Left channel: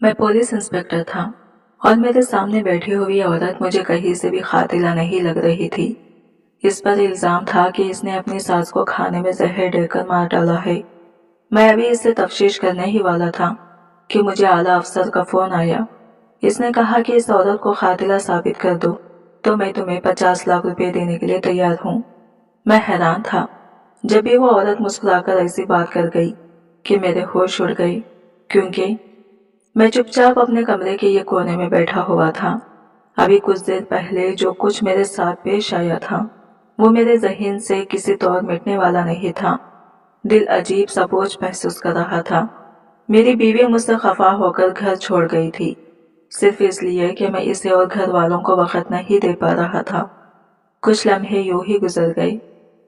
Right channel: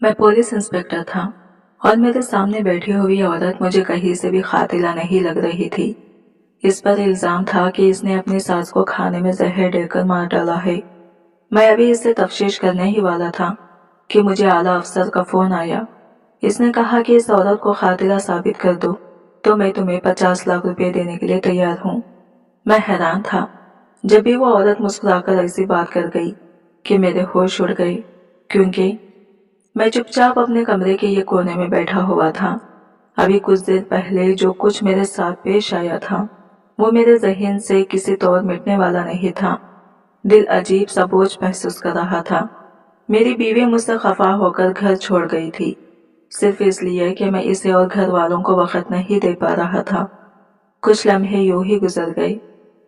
मैं police inspector था और मेरे सामने बैठी हुई औरत मुझे कहीं से भी कातिला नहीं लग रही थी। इस पर इल्जाम था कि इसने अपनी सास को खाने में जहर देकर मार डाला है। मैं अभी इससे तफ्तीश करने ही वाला था कि मुझे आला अफसर का फोन आया। इसने कहा कि इस औरत को कातिला साबित कर दो तो मैं तुम्हें 50 लाख रुपए देने के लिए तैयार हूँ। मैं हैरान था। जब भी वो औरत मुस्कुराकर ऐसी बात कर गई कि मेरे होश उड़ गए, क्योंकि मैं चुपचाप अपने कमरे के ये कोने में बैठा हुआ था। अभी कुछ देर पहले जो कुछ मेरे साथ पेश आया था वो मेरे जहन से किसी तौर मिटने वाला नहीं था। दिल अजीब सा बोझ महसूस कर रहा था। मेरी बीवी मुझसे खफा होकर घर छोड़ गई थी, सिर्फ इसलिए कि मैं इसे और घर वालों को वक्त नहीं दे पा रहा था। कुछ लम्हे यूं ही गुजर गए।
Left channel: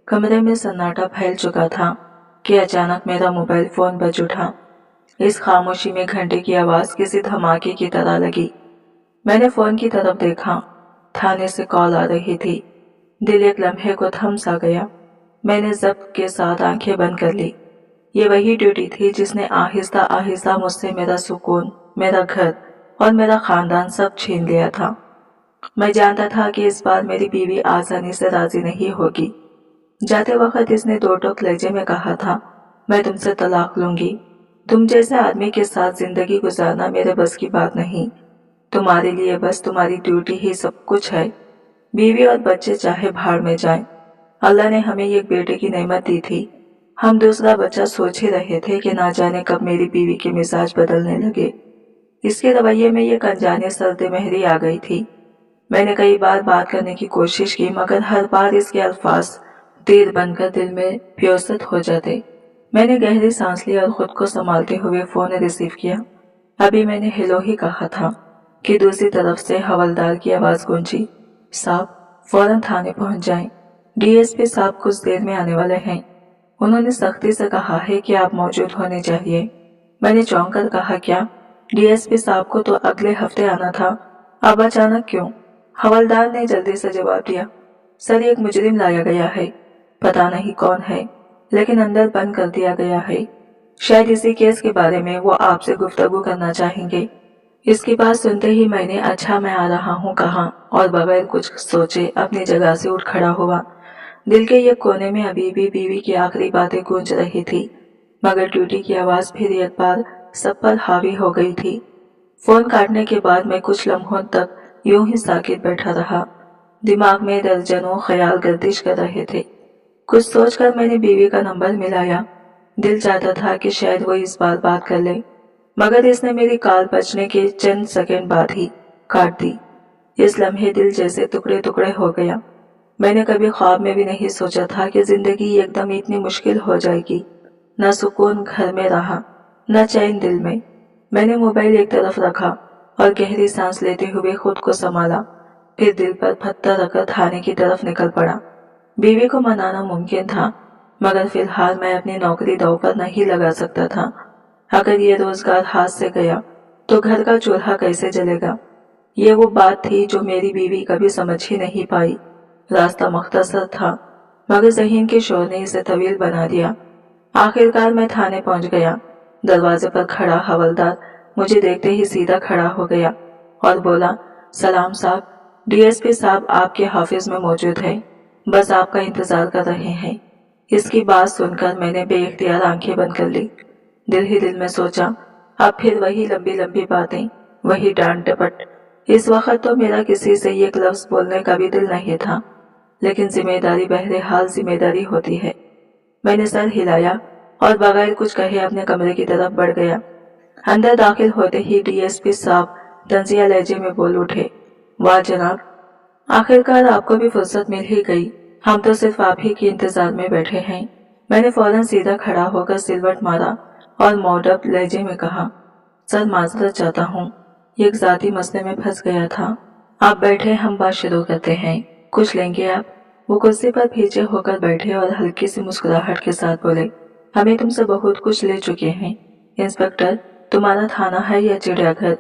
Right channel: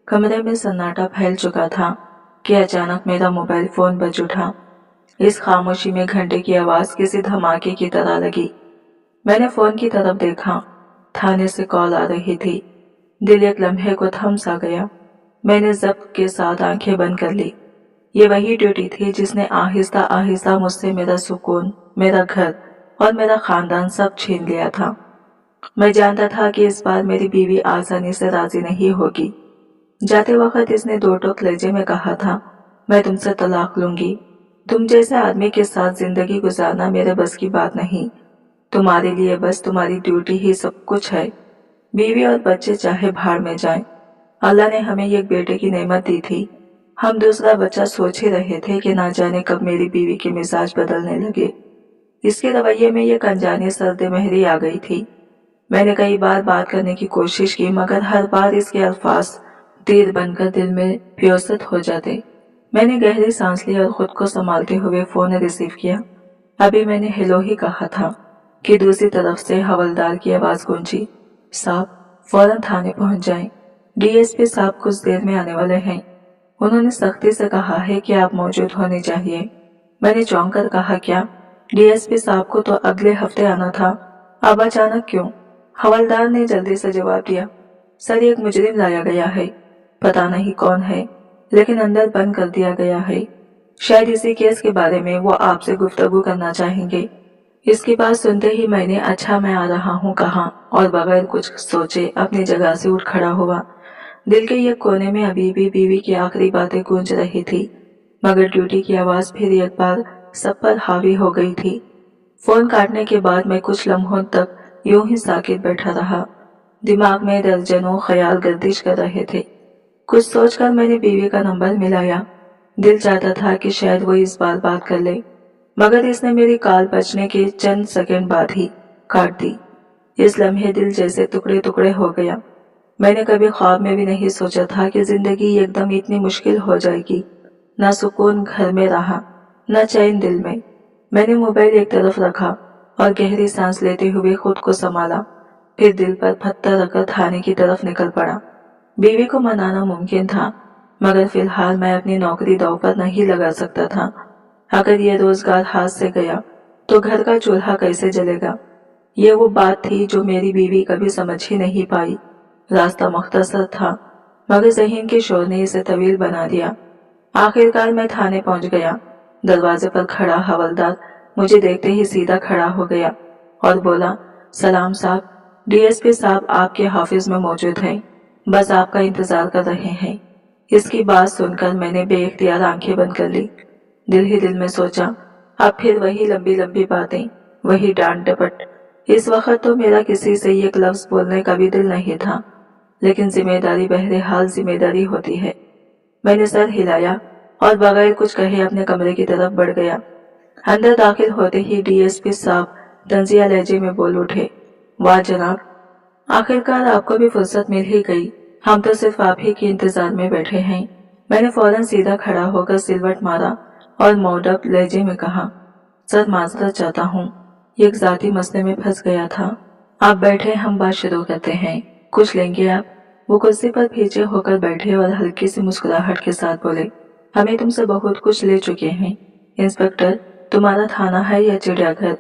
कमरे में सन्नाटा फैल चुका था कि अचानक मेरा मोबाइल फोन बज उठा। इस खामोशी में घंटे की आवाज किसी धमाके की तरह लगी। मैंने फोन की तरफ देखा। थाने से कॉल आ रही थी। दिल एक लम्हे को थम सा गया। मैंने जब्त के साथ आंखें बंद कर ली। ये वही ड्यूटी थी जिसने आहिस्ता आहिस्ता मुझसे मेरा सुकून, मेरा घर और मेरा खानदान सब छीन लिया था। मैं जानता था कि इस बार मेरी बीवी आसानी से राजी नहीं होगी। जाते वक्त इसने दो टोक लहजे में कहा था, मैं तुमसे तलाक लूंगी। तुम जैसे आदमी के साथ जिंदगी गुजारना मेरे बस की बात नहीं। तुम्हारे लिए बस तुम्हारी ड्यूटी ही सब कुछ है। बीवी और बच्चे चाहे भाड़ में जाएं। अल्लाह ने हमें एक बेटे की नेमत दी थी। हम दूसरा बच्चा सोच ही रहे थे कि ना जाने कब मेरी बीवी के मिजाज बदलने लगे। इसके रवैये में एक अनजानी सर्द महरी आ गई थी। मैंने कई बार बात करने की कोशिश की, मगर हर बार इसके अल्फाज तीर बनकर दिल में प्योसत हो जाते। मैंने गहरी सांस ली और खुद को संभालते हुए फोन रिसीव किया। अभी मैंने हेलो ही कहा था कि दूसरी तरफ से हवलदार की आवाज गूंजी, साहब फौरन थाने पहुंच जाएं। डीएसपी साहब कुछ देर में आने वाले हैं। उन्होंने सख्ती से कहा है कि आप मौजूद होने चाहिए। मैंने चौंक कर कहा, क्या? डीएसपी साहब को तो अगले हफ्ते आना था, अब अचानक क्यों? हवलदार ने जल्दी से जवाब दिया, सर एक मुजरिम लाया गया है, पता नहीं कौन है, लेकिन अंदर बंद कर दिया गया है। शायद इसी केस के बारे में वो आपसे गुफ्तगू करना चाहेंगे। इसकी बात सुनते ही मैंने अच्छा मैं आ रहा हूँ कहा और बगैर कुछ सोचे अपनी जगह से उठ खड़ा हुआ। दिल के एक कोने में अभी भी बीवी की आखिरी बातें गूंज रही थी, मगर ड्यूटी की आवाज फिर एक बार सब पर हावी हो गई थी। फोन काटने के बाद मैं कुछ लम्हों तक यूं ही साकित बैठा रहा। दिमाग में दर्जनों ख्याल गर्दिश कर रहे थे। कुछ सोचकर मैंने बीवी का नंबर मिलाया। दिल चाहता था कि शायद वो इस बार बात कर ले, मगर इसने मेरी कॉल बजने के चंद सेकंड बाद ही काट दी। इस लम्हे दिल जैसे टुकड़े टुकड़े हो गया। मैंने कभी ख्वाब में भी नहीं सोचा था कि जिंदगी एकदम इतनी मुश्किल हो जाएगी। न सुकून घर में रहा, न चैन दिल में। मैंने मोबाइल एक तरफ रखा और गहरी सांस लेते हुए खुद को संभाला। फिर दिल पर पत्थर रखकर थाने की तरफ निकल पड़ा। बीवी को मनाना मुमकिन था, मगर फिलहाल मैं अपनी नौकरी दांव पर नहीं लगा सकता था। अगर ये रोजगार हाथ से गया तो घर का चूल्हा कैसे जलेगा? ये वो बात थी जो मेरी बीवी कभी समझ ही नहीं पाई। रास्ता मुख्तसर था, मगर ज़हन के शोर ने इसे तवील बना दिया। आखिरकार मैं थाने पहुंच गया। दरवाजे पर खड़ा हवलदार मुझे देखते ही सीधा खड़ा हो गया और बोला, सलाम साहब, डीएसपी साहब आपके ऑफिस में मौजूद हैं, बस आपका इंतजार कर रहे हैं। इसकी बात सुनकर मैंने बेइख्तियार आंखें बंद कर ली। दिल ही दिल में सोचा, अब फिर वही लंबी लंबी बातें, वही डांट डपट। इस वक्त तो मेरा किसी से एक लफ्ज बोलने का भी दिल नहीं था, लेकिन जिम्मेदारी बहरहाल जिम्मेदारी होती है। मैंने सर हिलाया और बगैर कुछ कहे अपने कमरे की तरफ बढ़ गया। अंदर दाखिल होते ही डीएसपी साहब तंजिया लहजे में बोल उठे, वाह जनाब, आखिरकार आपको भी फुर्सत मिल ही गई। हम तो सिर्फ आप ही के इंतजार में बैठे हैं। मैंने फौरन सीधा खड़ा होकर सिलवट मारा और मौडब लहजे में कहा, सर माजरत चाहता हूँ, एक जाती मसले में फंस गया था। आप बैठे, हम बात शुरू करते हैं। कुछ लेंगे आप? वो कुर्सी पर पीछे होकर बैठे और हल्की सी मुस्कुराहट के साथ बोले, हमें तुमसे बहुत कुछ ले चुके हैं। इंस्पेक्टर, तुम्हारा थाना है या चिड़ियाघर?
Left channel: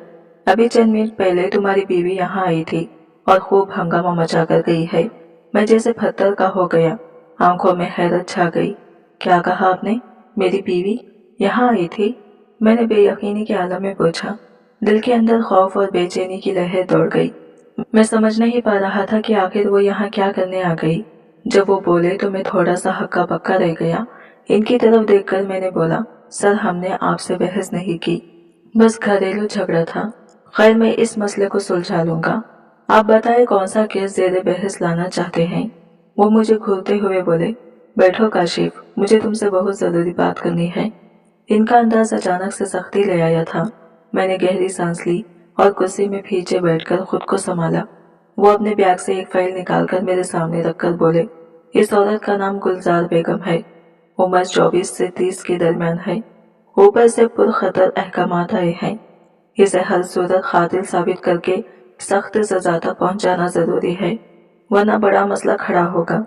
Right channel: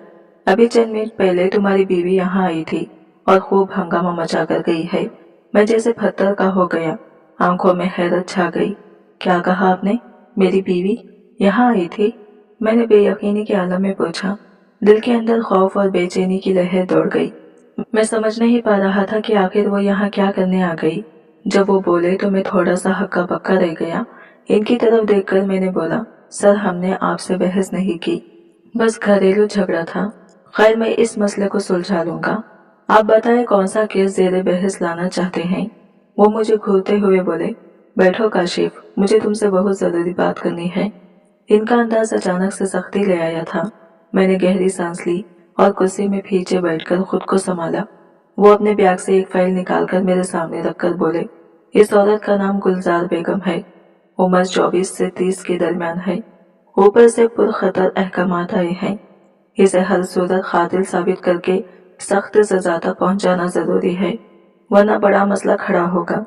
अभी चंद मिनट पहले तुम्हारी बीवी यहाँ आई थी और खूब हंगामा मचा कर गई है। मैं जैसे पत्थर का हो गया, आंखों में हैरत छा गई। क्या कहा आपने? मेरी बीवी यहाँ आई थी? मैंने बेयकीनी के आलम में पूछा। दिल के अंदर खौफ और बेचैनी की लहर दौड़ गई। मैं समझ नहीं पा रहा था कि आखिर वो यहाँ क्या करने आ गई। जब वो बोले तो मैं थोड़ा सा हक्का बक्का रह गया। इनकी तरफ देखकर मैंने बोला, सर हमने आपसे बहस नहीं की, बस घरेलू झगड़ा था। खैर मैं इस मसले को सुलझा लूंगा। आप बताएं कौन सा केस ज़ेरे बहस लाना चाहते हैं। वो मुझे घूरते हुए बोले, बैठो काशिफ, मुझे तुमसे बहुत ज़रूरी बात करनी है। इनका अंदाज अचानक से सख्ती ले आया था। मैंने गहरी सांस ली और कुर्सी में पीछे बैठकर खुद को संभाला। वो अपने बैग से एक फाइल निकालकर मेरे सामने रखकर बोले, इस औरत का नाम गुलजार बेगम है। उम्र 24 से 30 के दरमियान है। ऊपर से पुरखतर अहकामात आए हैं। इसे हर सूरत कातिल साबित करके सख्त सजा तक पहुंचाना जरूरी है, वरना बड़ा मसला खड़ा होगा।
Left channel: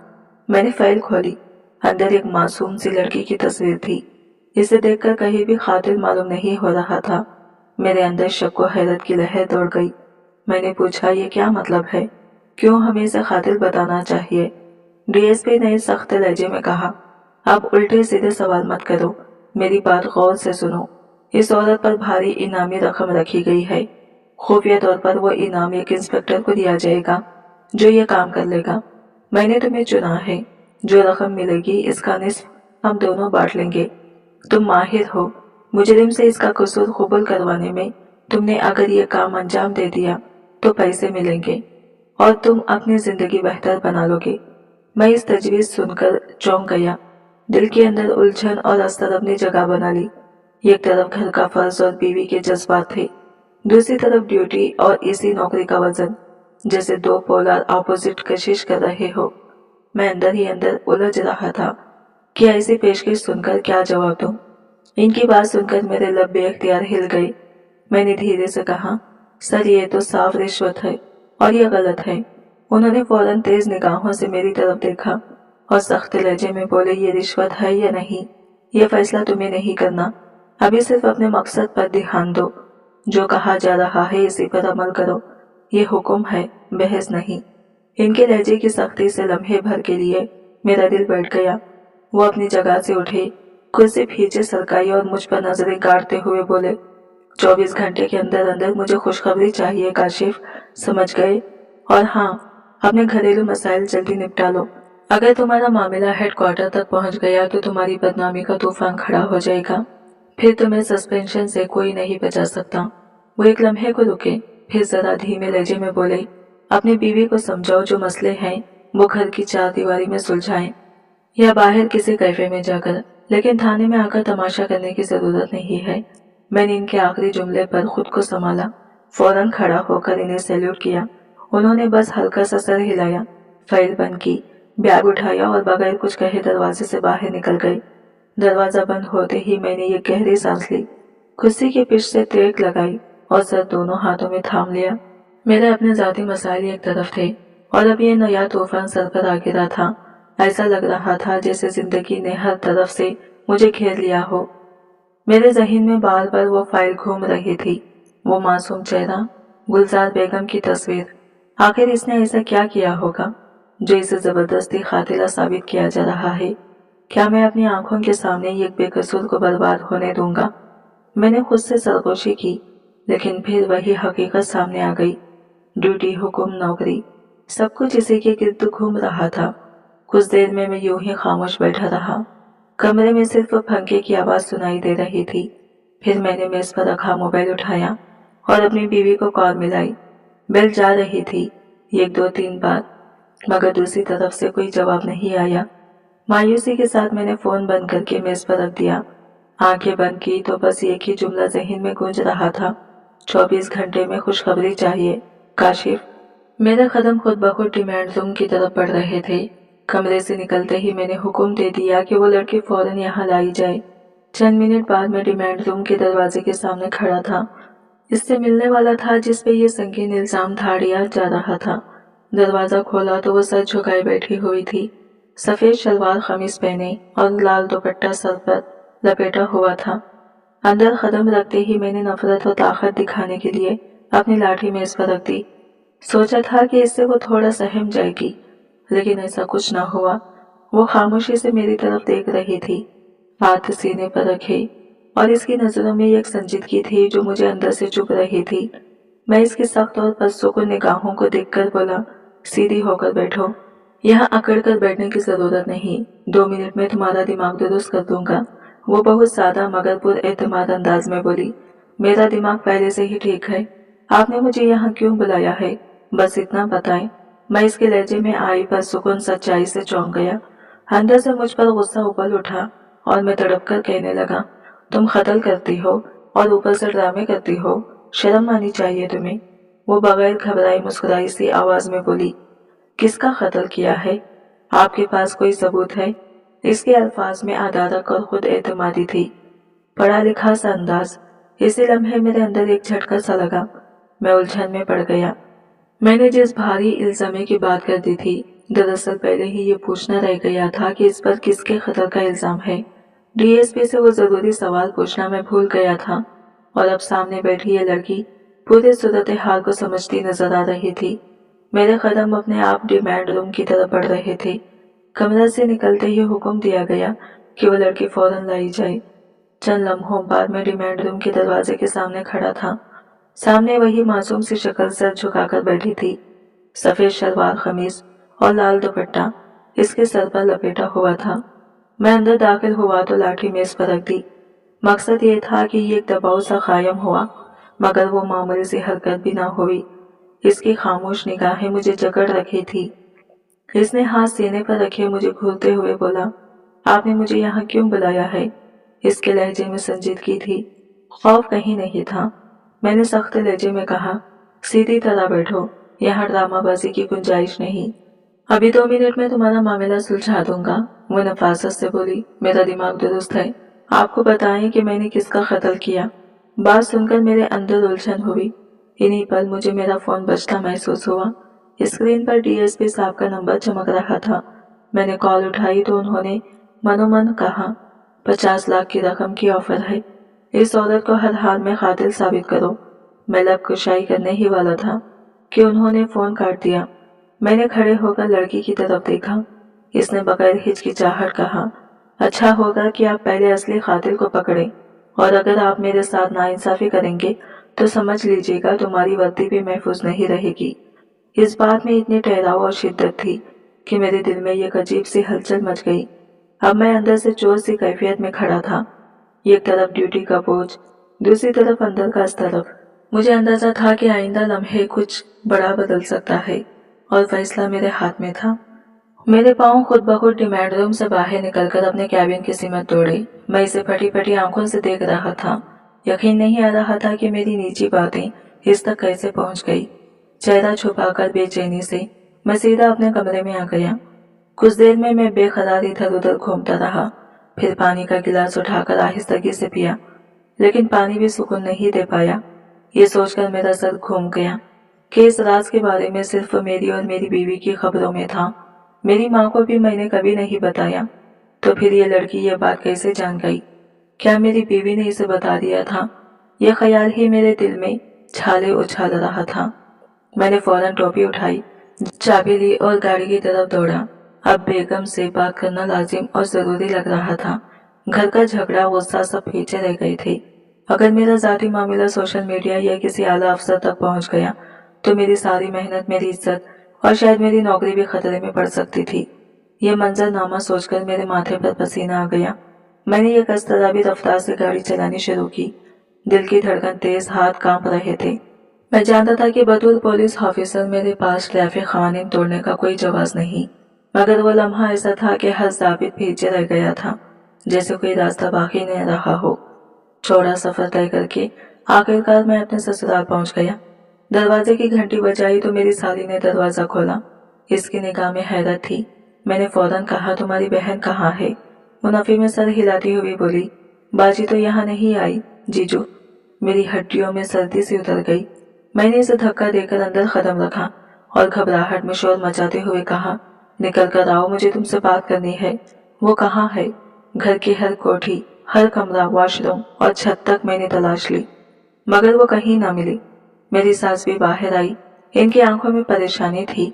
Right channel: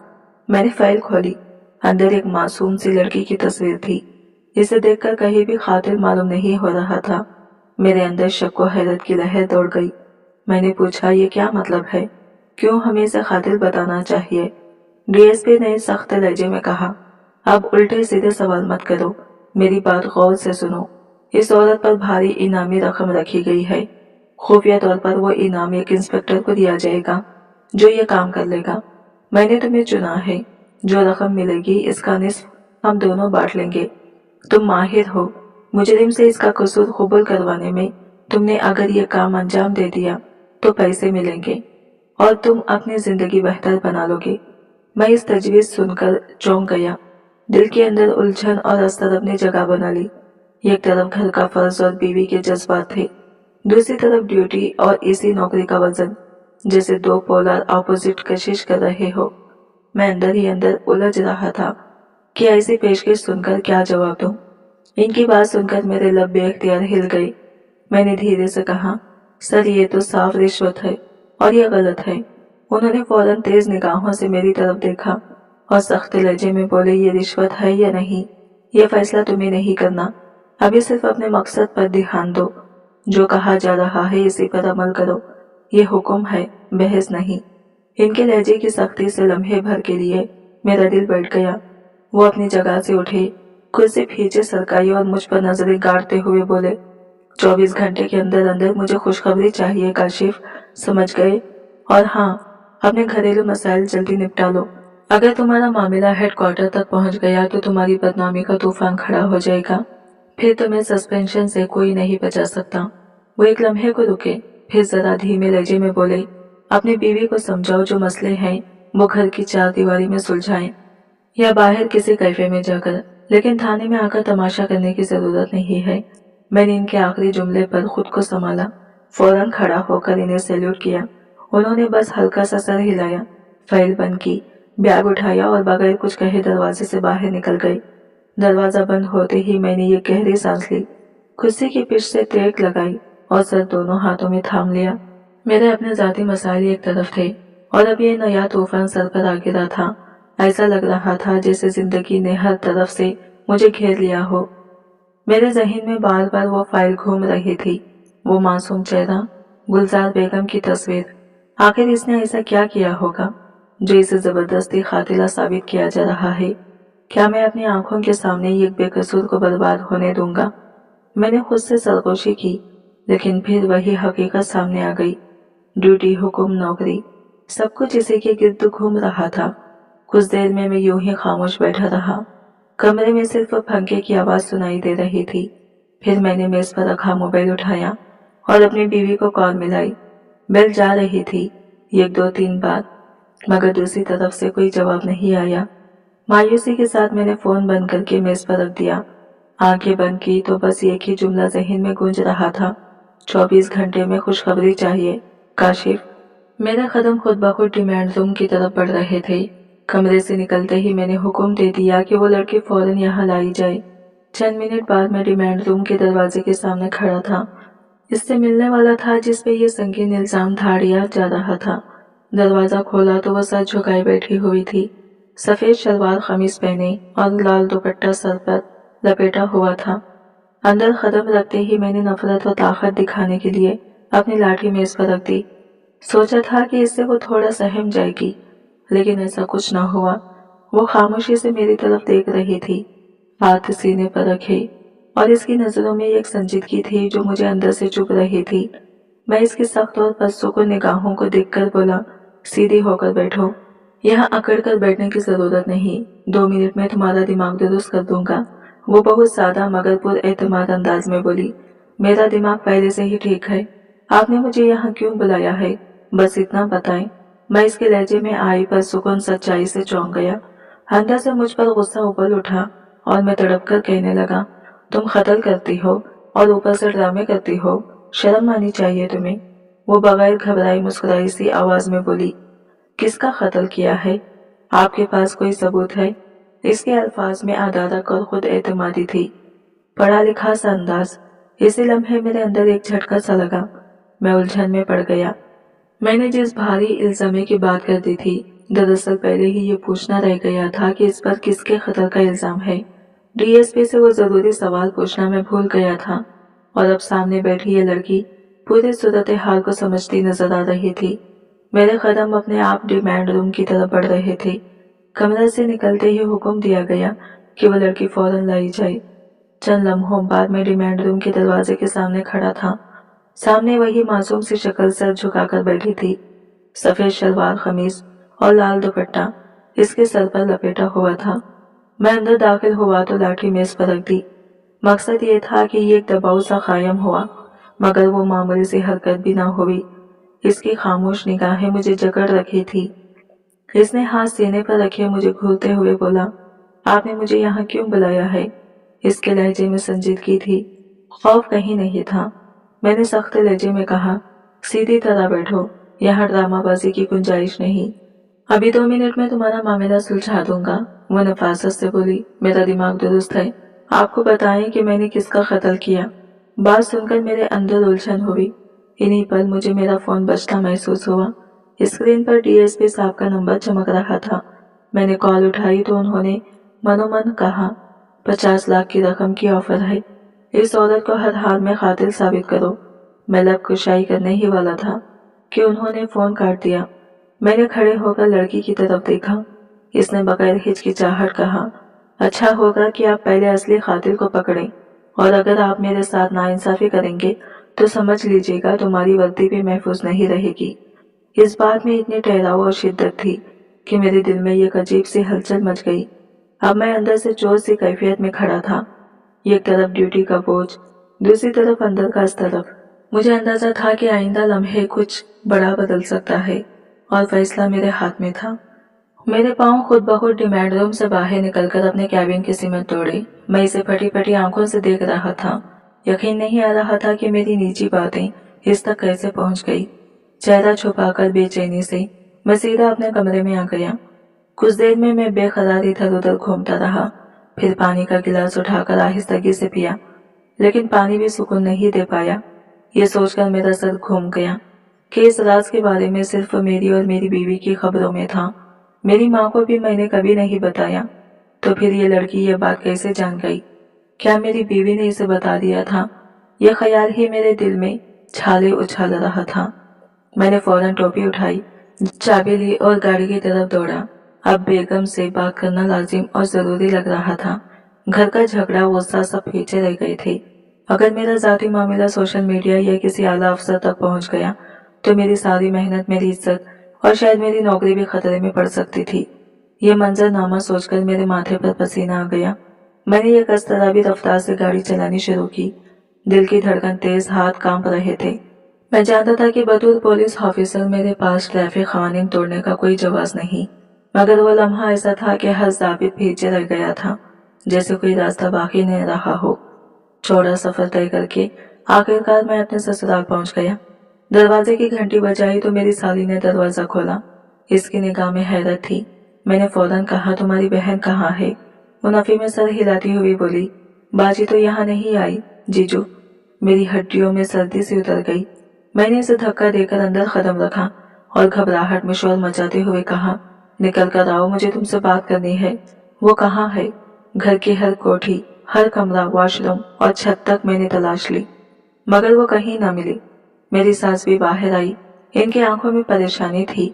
मैंने फाइल खोली। अंदर एक मासूम सी लड़की की तस्वीर थी। इसे देखकर कहीं भी कातिल मालूम नहीं हो रहा था। मेरे अंदर शक व हैरत की लहर दौड़ गई। मैंने पूछा, ये क्या मतलब है? क्यों हमें इसे कातिल बताना चाहिए? डीएसपी ने सख्त लहजे में कहा, अब उल्टे सीधे सवाल मत करो, मेरी बात गौर से सुनो। इस औरत पर भारी इनामी रकम रखी गई है। खुफिया तौर पर वो इनाम एक इंस्पेक्टर को दिया जाएगा जो ये काम कर लेगा। मैंने तुम्हें चुना है। जो रकम मिलेगी इसका निस्फ हम दोनों बांट लेंगे। तुम माहिर हो। मुजरिम से इसका कसूर कबूल करवाने में। तुमने अगर ये काम अंजाम दे दिया तो पैसे मिलेंगे और तुम अपनी जिंदगी बेहतर बना लोगे। मैं इस तजवीज़ सुनकर चौंक गया। दिल के अंदर उलझन और असर अपनी जगह बना ली। एक तरफ घर का फर्ज और बीवी के जज्बात थे, दूसरी तरफ ड्यूटी और इसी नौकरी का वजन, जैसे दो पोलर ऑपोजिट कशिश कर रहे हो। मैं अंदर ही अंदर उलझ रहा था कि ऐसी पेशकश सुनकर क्या जवाब दूं। इनकी बात सुनकर मेरे लब बेख्तियार हिल गए। मैंने धीरे से कहा, सर ये तो साफ रिश्वत है और ये गलत है। उन्होंने फौरन तेज निगाहों से मेरी तरफ देखा और सख्त लहजे में बोले, ये रिश्वत है या नहीं ये फैसला तुम्हें नहीं करना। अभी सिर्फ अपने मकसद पर ध्यान दो। जो कहा जा रहा है इसी पर अमल करो। ये हुक्म है, बहस नहीं। इनके लहजे की सख्ती से लम्हे भर के लिए मेरा दिल बैठ गया। वो अपनी जगह से उठे, कुर्सी पीछे सरकाई और मुझ पर नजरें गाड़ते हुए बोले, 24 घंटे के अंदर अंदर मुझे खुशखबरी चाहिए काशिफ, समझ गए? और हाँ, अपने घरेलू मसाइल जल्दी निपटा लो। अगर तुम्हारा मामला हेडक्वार्टर तक पहुंच गया तो तुम्हारी बदनामी का तूफान खड़ा हो जाएगा। फिर तुम्हें सस्पेंशन से कोई नहीं बचा सकता। वो एक लम्हे को रुके, फिर जरा धीमे लहजे में बोले, अपनी बीवी को समझाओ जो मसले हैं वो घर की चार दीवारी में सुलझाएं या बाहर किसी कैफे में जाकर, लेकिन थाने में आकर तमाशा करने की जरूरत नहीं है। मैंने इनके आखिरी जुमले पर खुद को संभाला। फौरन खड़ा होकर इन्हें सैल्यूट किया। उन्होंने बस हल्का सा सर हिलाया, फाइल बंद की, बैग उठाया और बगैर कुछ कहे दरवाजे से बाहर निकल गए। दरवाजा बंद होते ही मैंने ये गहरी सांस ली, कुर्सी की पिच से टेक लगाई और सर दोनों हाथों में थाम लिया। मेरे अपने जाती मसाइल एक तरफ थे और अब ये नया तूफान सर पर आ गिरा था। ऐसा लग रहा था जैसे जिंदगी ने हर तरफ से मुझे घेर लिया हो। मेरे जहन में बार बार वो फाइल घूम रही थी, वो मासूम चेहरा, गुलजार बेगम की तस्वीर। आखिर इसने ऐसा क्या किया होगा जो इसे जबरदस्ती कातिला साबित किया जा रहा है? क्या मैं अपनी आंखों के सामने एक बेकसूर को बर्बाद होने दूंगा? मैंने खुद से सरगोशी की, लेकिन फिर वही हकीकत सामने आ गई। ड्यूटी, हुक्म, नौकरी, सब कुछ इसी के गिर्द घूम रहा था। कुछ देर में मैं यूं ही खामोश बैठा रहा। कमरे में सिर्फ पंखे की आवाज सुनाई दे रही थी। फिर मैंने मेज पर रखा मोबाइल उठाया और अपनी बीवी को कॉल मिलाई। बेल जा रही थी 1-2-3 बार, मगर दूसरी तरफ से कोई जवाब नहीं आया। मायूसी के साथ मैंने फोन बंद करके मेज पर रख दिया। आंखें बंद की तो बस एक ही जुमला जहन में गूंज रहा था, 24 घंटे में खुशखबरी चाहिए काशिफ। मेरे कदम खुद ब खुद डिमांड रूम की तरफ बढ़ रहे थे। कमरे से निकलते ही मैंने हुक्म दे दिया कि वो लड़की फौरन यहाँ लाई जाए। चंद मिनट बाद मैं डिमांड रूम के दरवाजे के सामने खड़ा था। इससे मिलने वाला था जिस पे ये संगीन इल्जाम धाड़िया जा रहा था। दरवाजा खोला तो वो सर झुकाए बैठी हुई थी। सफेद शलवार कमीज पहने और लाल दुपट्टा सर पर लपेटा हुआ था। अंदर कदम रखते ही मैंने नफरत और ताकत दिखाने के लिए अपनी लाठी मेज पर रख दी। सोचा था कि इससे वो थोड़ा सहम जाएगी, लेकिन ऐसा कुछ ना हुआ। वो खामोशी से मेरी तरफ देख रही थी, हाथ सीने पर रखे, और इसकी नज़रों में एक संजीदगी थी जो मुझे अंदर से चुभ रही थी। मैं इसकी सख्त और पुरसुकून निगाहों को देखकर बोला, सीधी होकर बैठो, यहाँ अकड़ कर बैठने की ज़रूरत नहीं, 2 मिनट में तुम्हारा दिमाग दुरुस्त कर दूंगा। वो बहुत सादा मगर पुरएतमाद अंदाज में बोली, मेरा दिमाग पहले से ही ठीक है, आपने मुझे यहाँ क्यों बुलाया है, बस इतना बताएं। मैं इसके लहजे में आई पुरसुकून सच्चाई से चौंक गया। अंदर से मुझ पर गुस्सा उबल उठा और मैं तड़प कर कहने लगा, तुम कत्ल करती हो और ऊपर से ड्रामे करती हो, शर्म आनी चाहिए तुम्हें। वो बगैर घबराई मुस्कुराई सी आवाज में बोली, किसका कत्ल किया है, आपके पास कोई सबूत है? इसके अल्फाज में अदारक और खुद एतमादी थी, पढ़ा लिखा सा अंदाज। इसी लम्हे मेरे अंदर एक झटका सा लगा, मैं उलझन में पड़ गया। मैंने जिस भारी इल्जामे की बात कर दी थी, दरअसल पहले ही ये पूछना रह गया था कि इस पर किसके कत्ल का इल्जाम है। डीएसपी से वो जरूरी सवाल पूछना मैं भूल गया था और अब सामने बैठी ये लड़की पूरे सूरत हाल को समझती नजर आ रही थी। मेरे कदम अपने आप डिमांड रूम की तरफ बढ़ रहे थे। कमरा से निकलते ही हुक्म दिया गया कि वो लड़की फौरन लाई जाए। चंद लम्हों बाद मैं डिमांड रूम के दरवाजे के सामने खड़ा था। सामने वही मासूम सी शक्ल सर झुकाकर बैठी थी, सफेद शलवार कमीज और लाल दुपट्टा इसके सर पर लपेटा हुआ था। मैं अंदर दाखिल हुआ तो लाठी मेज पर रख दी। मकसद ये था कि ये एक दबाव सा कायम हुआ, मगर वो मामूली सी हरकत भी ना हुई। इसकी खामोश निगाहें मुझे जकड़ रखी थी। इसने हाथ सीने पर रखे मुझे घूरते हुए बोला, आपने मुझे यहाँ क्यों बुलाया है? इसके लहजे में संजीदगी थी, खौफ कहीं नहीं था। मैंने सख्त लहजे में कहा, सीधी तरह बैठो, यहाँ ड्रामाबाजी की गुंजाइश नहीं। अभी 2 मिनट में तुम्हारा मामला सुलझा दूंगा। वो नफासत से बोली, मेरा दिमाग दुरुस्त है, आपको बताएं कि मैंने किसका कत्ल किया। बात सुनकर मेरे अंदर उलझन हुई। इन्हीं पर मुझे मेरा फोन बजता महसूस हुआ। स्क्रीन पर डीएसपी साहब का नंबर चमक रहा था। मैंने कॉल उठाई तो उन्होंने मनोमन कहा, 50 लाख की रकम की ऑफर है, इस औरत को हर हाल में कातिल साबित करो। मैं लब कुशाई करने ही वाला था कि उन्होंने फोन काट दिया। मैंने खड़े होकर लड़की की तरफ देखा। इसने बगैर हिचकिचाहट कहा, अच्छा होगा कि आप पहले असली कातिल को पकड़ें, और अगर आप मेरे साथ नाइंसाफी करेंगे तो समझ लीजिएगा तुम्हारी वर्दी भी महफूज नहीं रहेगी। इस बात में इतनी ठहराव और शिद्दत थी कि मेरे दिल में एक अजीब सी हलचल मच गई। अब मैं अंदर से चोर सी कैफियत में खड़ा था। एक तरफ ड्यूटी का बोझ, दूसरी तरफ अंदर का तरफ। मुझे अंदाजा था कि आइंदा लम्हे कुछ बड़ा बदल सकता है और फैसला मेरे हाथ में था। मेरे पांव खुद ब खुद डिमांड रूम से बाहर निकलकर अपने कैबिन की सिमत दौड़े। मैं इसे फटी फटी आंखों से देख रहा था। यकीन नहीं आ रहा था कि मेरी निजी बातें इस तक कैसे पहुंच गई। चेहरा छुपाकर बेचैनी से मैं सीधा अपने कमरे में आ गया। कुछ देर में मैं बेकरार इधर उधर घूमता रहा, फिर पानी का गिलास उठाकर आहिस्तगी से पिया, लेकिन पानी भी सुकून नहीं दे पाया। ये सोचकर मेरा सर घूम गया कि इस राज के बारे में सिर्फ मेरी और मेरी बीवी की खबरों में था। मेरी माँ को भी मैंने कभी नहीं बताया, तो फिर ये लड़की ये बात कैसे जान गई? क्या मेरी बीवी ने इसे बता दिया था? यह ख्याल ही मेरे दिल में छाले उछाल रहा था। मैंने फौरन टोपी उठाई, चाबी ली और गाड़ी की तरफ दौड़ा। अब बेगम से बात करना लाजिम और जरूरी लग रहा था। घर का झगड़ा गुस्सा सब पीछे रह गए थे। अगर मेरा जाती मामला सोशल मीडिया या किसी आला अफसर तक पहुंच गया तो मेरी सारी मेहनत, मेरी इज्जत और शायद मेरी नौकरी भी खतरे में पड़ सकती थी। यह मंजरनामा सोचकर मेरे माथे पर पसीना आ गया। मैंने एक अस्तराबी रफ्तार से गाड़ी चलानी शुरू की। दिल की धड़कन तेज, हाथ कांप रहे थे। मैं जानता था कि बतौर पुलिस ऑफिसर मेरे पास ट्रैफिक कानून तोड़ने का कोई जवाब नहीं, मगर वो लम्हा ऐसा था कि हर जाबित पीछे रह गया था, जैसे कोई रास्ता बाकी नहीं रहा हो। चौड़ा सफर तय करके आखिरकार मैं अपने ससुराल पहुंच गया। दरवाजे की घंटी बजाई तो मेरी साली ने दरवाजा खोला। इसकी निगाह में हैरत थी। मैंने फौरन कहा, तुम्हारी बहन कहाँ है? मुनाफी में सर हिलाती हुई बोली, बाजी तो यहाँ नहीं आई जीजू। मेरी हड्डियों में सर्दी सी उतर गई। मैंने इसे धक्का देकर अंदर कदम रखा और घबराहट में शोर मचाते हुए कहा, निकल कर आओ, मुझे तुमसे बात करनी है। वो कहाँ है? घर की हर कोठी, हर कमरा, वॉशरूम और छत तक मैंने तलाश ली, मगर वो कहीं ना मिली। मेरी सास भी बाहर आई। इनकी आंखों में परेशानी थी।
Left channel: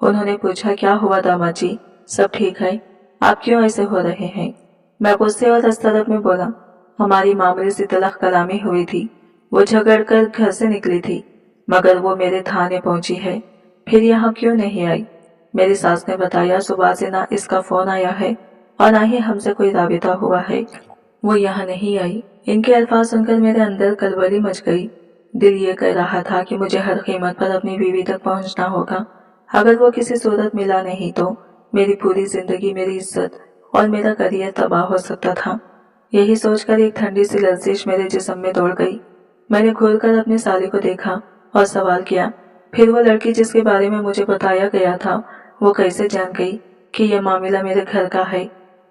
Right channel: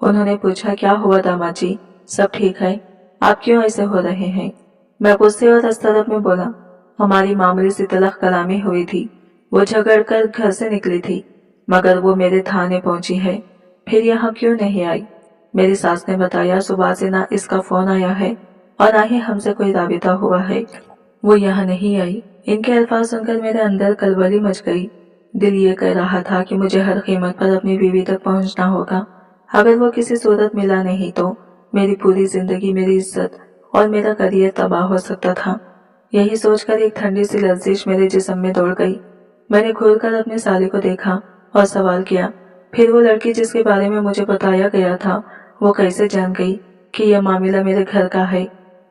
उन्होंने पूछा, क्या हुआ दामाद जी, सब ठीक है? आप क्यों ऐसे हो रहे हैं? मैं गुस्से और हस्तरब में बोला, हमारी मामूली सी तलख कलामी हुई थी। वो झगड़ कर घर से निकली थी, मगर वो मेरे थाने पहुंची है। फिर यहाँ क्यों नहीं आई? मेरी सास ने बताया सुबह से ना इसका फोन आया है और ना ही हमसे कोई राबिता हुआ है। वो यहाँ नहीं आई। इनके अल्फाज सुनकर मेरे अंदर कलबली मच गई। दिल ये कह रहा था कि मुझे हर कीमत पर अपनी बीवी तक पहुंचना होगा। अगर वो किसी सूरत मिला नहीं तो मेरी पूरी जिंदगी, मेरी इज्जत और मेरा करियर तबाह हो सकता था। यही सोचकर एक ठंडी सी लर्जिश मेरे जिस्म में दौड़ गई। मैंने घूर कर अपनी साली को देखा और सवाल किया, फिर वो लड़की जिसके बारे में मुझे बताया गया था, वो कैसे जान गई कि यह मामला मेरे घर का है?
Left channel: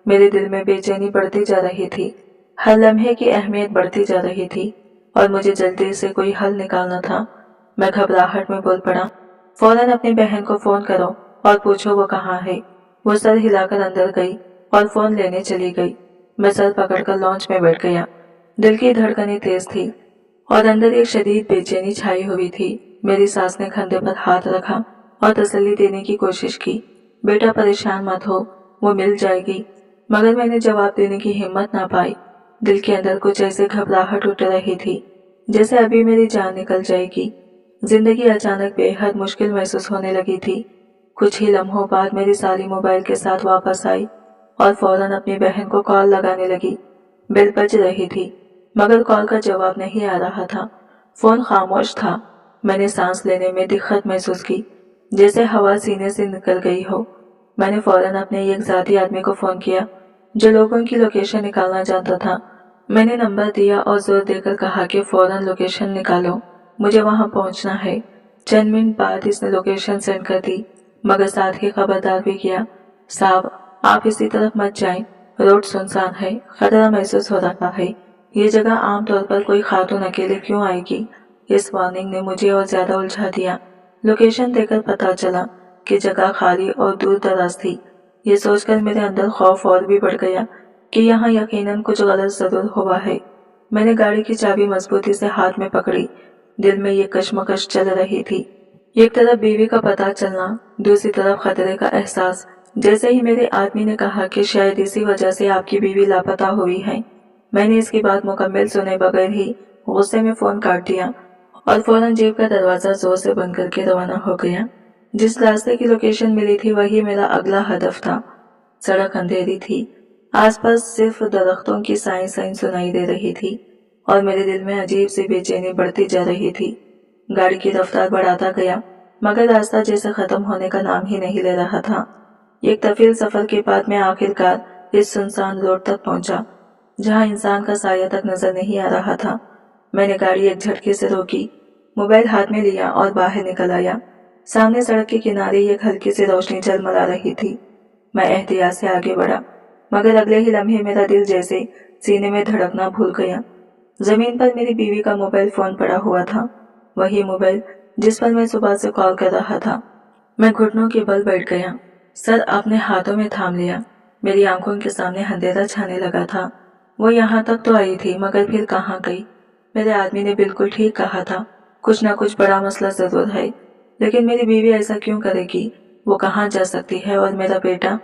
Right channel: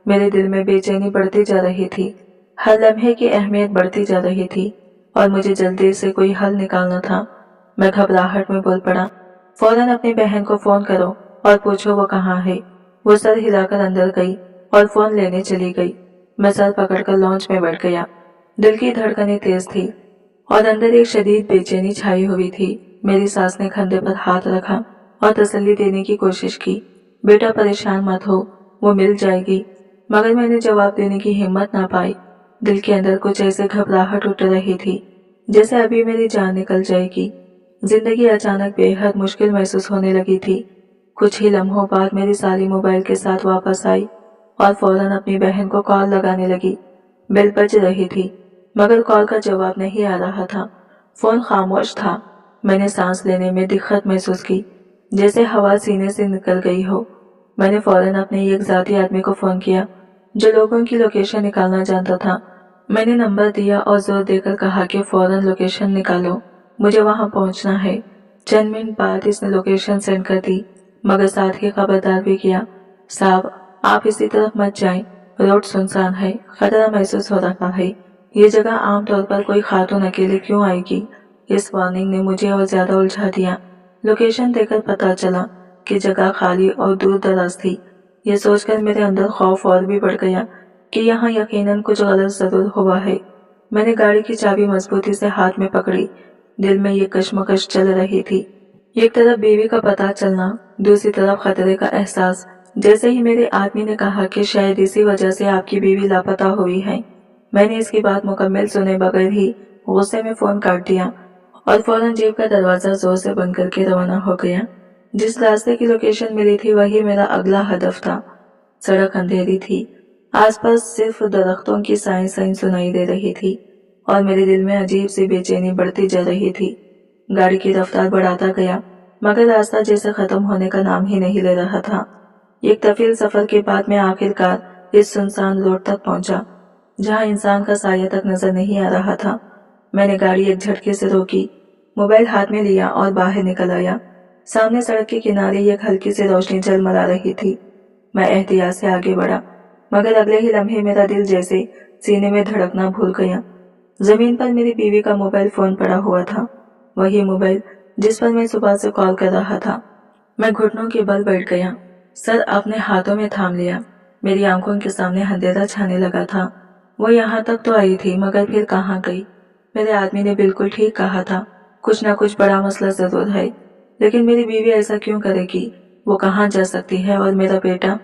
मेरे दिल में बेचैनी बढ़ती जा रही थी। हर लम्हे की अहमियत बढ़ती जा रही थी और मुझे जल्दी से कोई हल निकालना था। मैं घबराहट में बोल पड़ा, फौरन अपनी बहन को फोन करो और पूछो वो कहाँ है। वो सर हिलाकर अंदर गई और फोन लेने चली गई। मैं सर पकड़कर लॉन्च में बैठ गया। दिल की धड़कनें तेज थी और अंदर एक शदीद बेचैनी छाई हुई थी। मेरी सास ने कंधे पर हाथ रखा और तसल्ली देने की कोशिश की। बेटा परेशान मत हो, वो मिल जाएगी। मगर मैंने जवाब देने की हिम्मत ना पाई। दिल के अंदर कुछ ऐसे घबराहट उठ रही थी जैसे अभी मेरी जान निकल जाएगी। जिंदगी अचानक बेहद मुश्किल महसूस होने लगी थी। कुछ ही लम्हों बाद मेरी साली मोबाइल के साथ वापस आई और फौरन अपनी बहन को कॉल लगाने लगी। बेल बज रही थी मगर कॉल का जवाब नहीं आ रहा था। फोन खामोश था। मैंने सांस लेने में दिक्कत महसूस की, जैसे हवा सीने से निकल गई हो। मैंने फौरन अपने एक जाती आदमी को फोन किया जो लोगों की लोकेशन निकालना जानता था। मैंने नंबर दिया और जोर देकर कहा कि फौरन लोकेशन निकालो, मुझे वहां पहुंचना है। चंद मिनट बाद इसने लोकेशन सेंड कर दी, मगर साथ ही खबरदार भी किया, साहब आप इसी तरफ मत जाएं, रोड सुनसान है, खतरा महसूस हो रहा है। ये जगह आमतौर पर कोई खातून अकेले क्यों आएगी? इस वार्निंग ने मुझे और ज्यादा उलझा दिया। लोकेशन देखकर पता चला कि जगह खाली और दूर दराज थी। ये सोचकर मेरे अंदर खौफ और भी बढ़ गया कि यहाँ यकीनन कुछ गलत जरूर हुआ है। मैंने गाड़ी की चाबी मजबूती से हाथ में पकड़ी। दिल में ये कश्मकश चल रही थी। एक तरफ बीवी का पता चलना, दूसरी तरफ खतरे का एहसास। जैसे ही मेरे आदमी ने कहा कि शायद इसी वजह से आपकी बीवी लापता हुई है, मैंने इसकी बात मुकम्मल सुने बगैर ही गुस्से में फोन काट दिया और फौरन जेब का दरवाजा जोर से बंद करके रवाना हो गया। जिस रास्ते की लोकेशन मिली थी वही मेरा अगला हदफ था। सड़क अंधेरी थी, आसपास सिर्फ दरख्तों की साई साई सुनाई दे रही थी और मेरे दिल में अजीब सी बेचैनी बढ़ती जा रही थी। गाड़ी की रफ्तार बढ़ाता गया मगर रास्ता जैसे खत्म होने का नाम ही नहीं ले रहा था। एक तफील सफर के बाद मैं आखिरकार इस सुनसान रोड तक पहुंचा जहां इंसान का साया तक नजर नहीं आ रहा था। मैंने गाड़ी एक झटके से रोकी, मोबाइल हाथ में लिया और बाहर निकल आया। सामने सड़क के किनारे एक हल्की सी रोशनी झलमला रही थी। मैं एहतियात से आगे बढ़ा मगर अगले ही लम्हे मेरा दिल जैसे सीने में धड़कना भूल गया। जमीन पर मेरी बीवी का मोबाइल फोन पड़ा हुआ था, वही मोबाइल जिस पर मैं सुबह से कॉल कर रहा था। मैं घुटनों के बल बैठ गया, सर अपने हाथों में थाम लिया। मेरी आंखों के सामने अंधेरा छाने लगा था। वो यहाँ तक तो आई थी मगर फिर कहाँ गई? मेरे आदमी ने बिल्कुल ठीक कहा था, कुछ ना कुछ बड़ा मसला जरूर है। लेकिन मेरी बीवी ऐसा क्यों करेगी? वो कहाँ जा सकती है? और मेरा बेटा,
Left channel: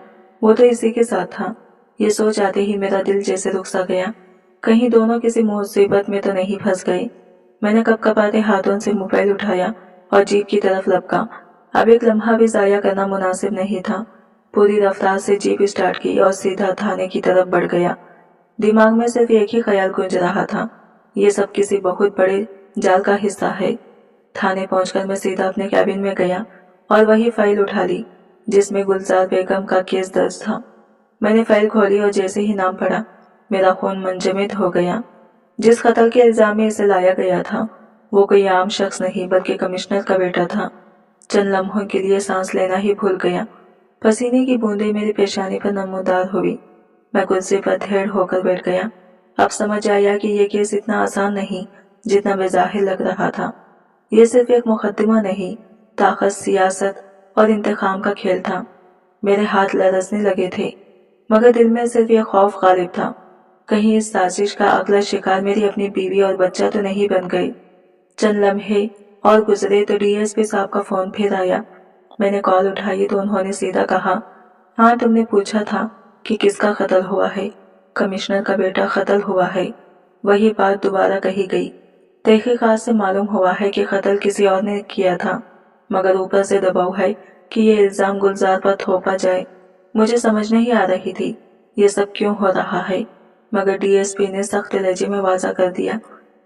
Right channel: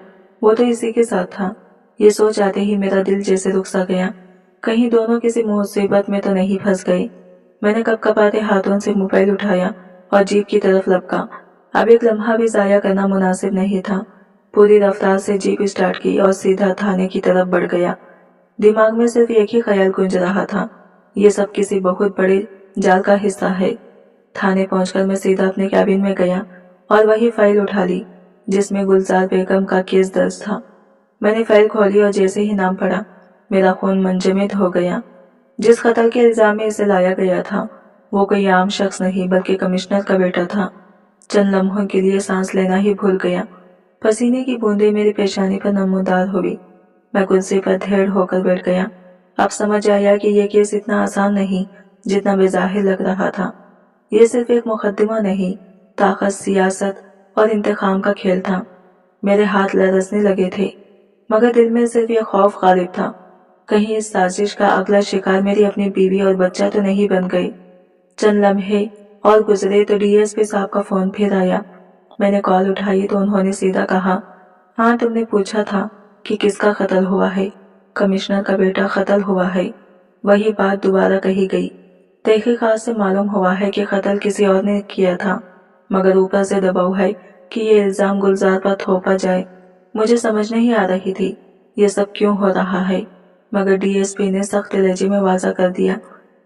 वो तो इसी के साथ था। ये सोच आते ही मेरा दिल जैसे रुक सा गया, कहीं दोनों किसी मुसीबत में तो नहीं फंस गए। मैंने कपकपाते हाथों से मोबाइल उठाया और जीप की तरफ लपका। अब एक लम्हा भी जाया करना मुनासिब नहीं था। पूरी रफ्तार से जीप स्टार्ट की और सीधा थाने की तरफ बढ़ गया। दिमाग में सिर्फ एक ही ख्याल गूंज रहा था, ये सब किसी बहुत बड़े जाल का हिस्सा है। थाने पहुंचकर मैं सीधा अपने कैबिन में गया और वही फाइल उठा ली जिसमें गुलजार बेगम का केस दर्ज था। मैंने फाइल खोली और जैसे ही नाम पढ़ा मेरा खून मंजमद हो गया। जिस कत्ल के इल्जाम में इसे लाया गया था वो कोई आम शख्स नहीं बल्कि कमिश्नर का बेटा था। चंद लम्हों के लिए सांस लेना ही भूल गया। पसीने की बूंदें मेरी पेशानी पर नमूदार हुई। मैं कुर्सी पर धेड़ होकर बैठ गया। अब समझ आया कि यह केस इतना आसान नहीं जितना बेजाहिर लग रहा था। यह सिर्फ एक मुकदमा नहीं, ताकत, सियासत और इंतकाम का खेल था। मेरे हाथ लरजने लगे थे मगर दिल में सिर्फ यह खौफ गालिब था, कहीं इस साजिश का अगला शिकार मेरी अपनी बीवी और बच्चा तो नहीं बन गई। चंद लम्हे और गुजरे तो डीएसपी साहब का फोन फिर आया। मैंने कॉल उठाई तो उन्होंने सीधा कहा, हाँ तुमने पूछा था कि किसका कत्ल हुआ है? कमिश्नर का बेटा कत्ल हुआ है। वही बात दोबारा कही गई। तहकीकात से मालूम हुआ है कि कत्ल किसी और ने किया था, मगर ऊपर से दबाव है कि ये इल्ज़ाम गुलजार पर थोपा जाए। मुझे समझ नहीं आ रही थी ये सब क्यों हो रहा है, मगर डीएसपी ने सख्त लहजे में वाज़ा कर दिया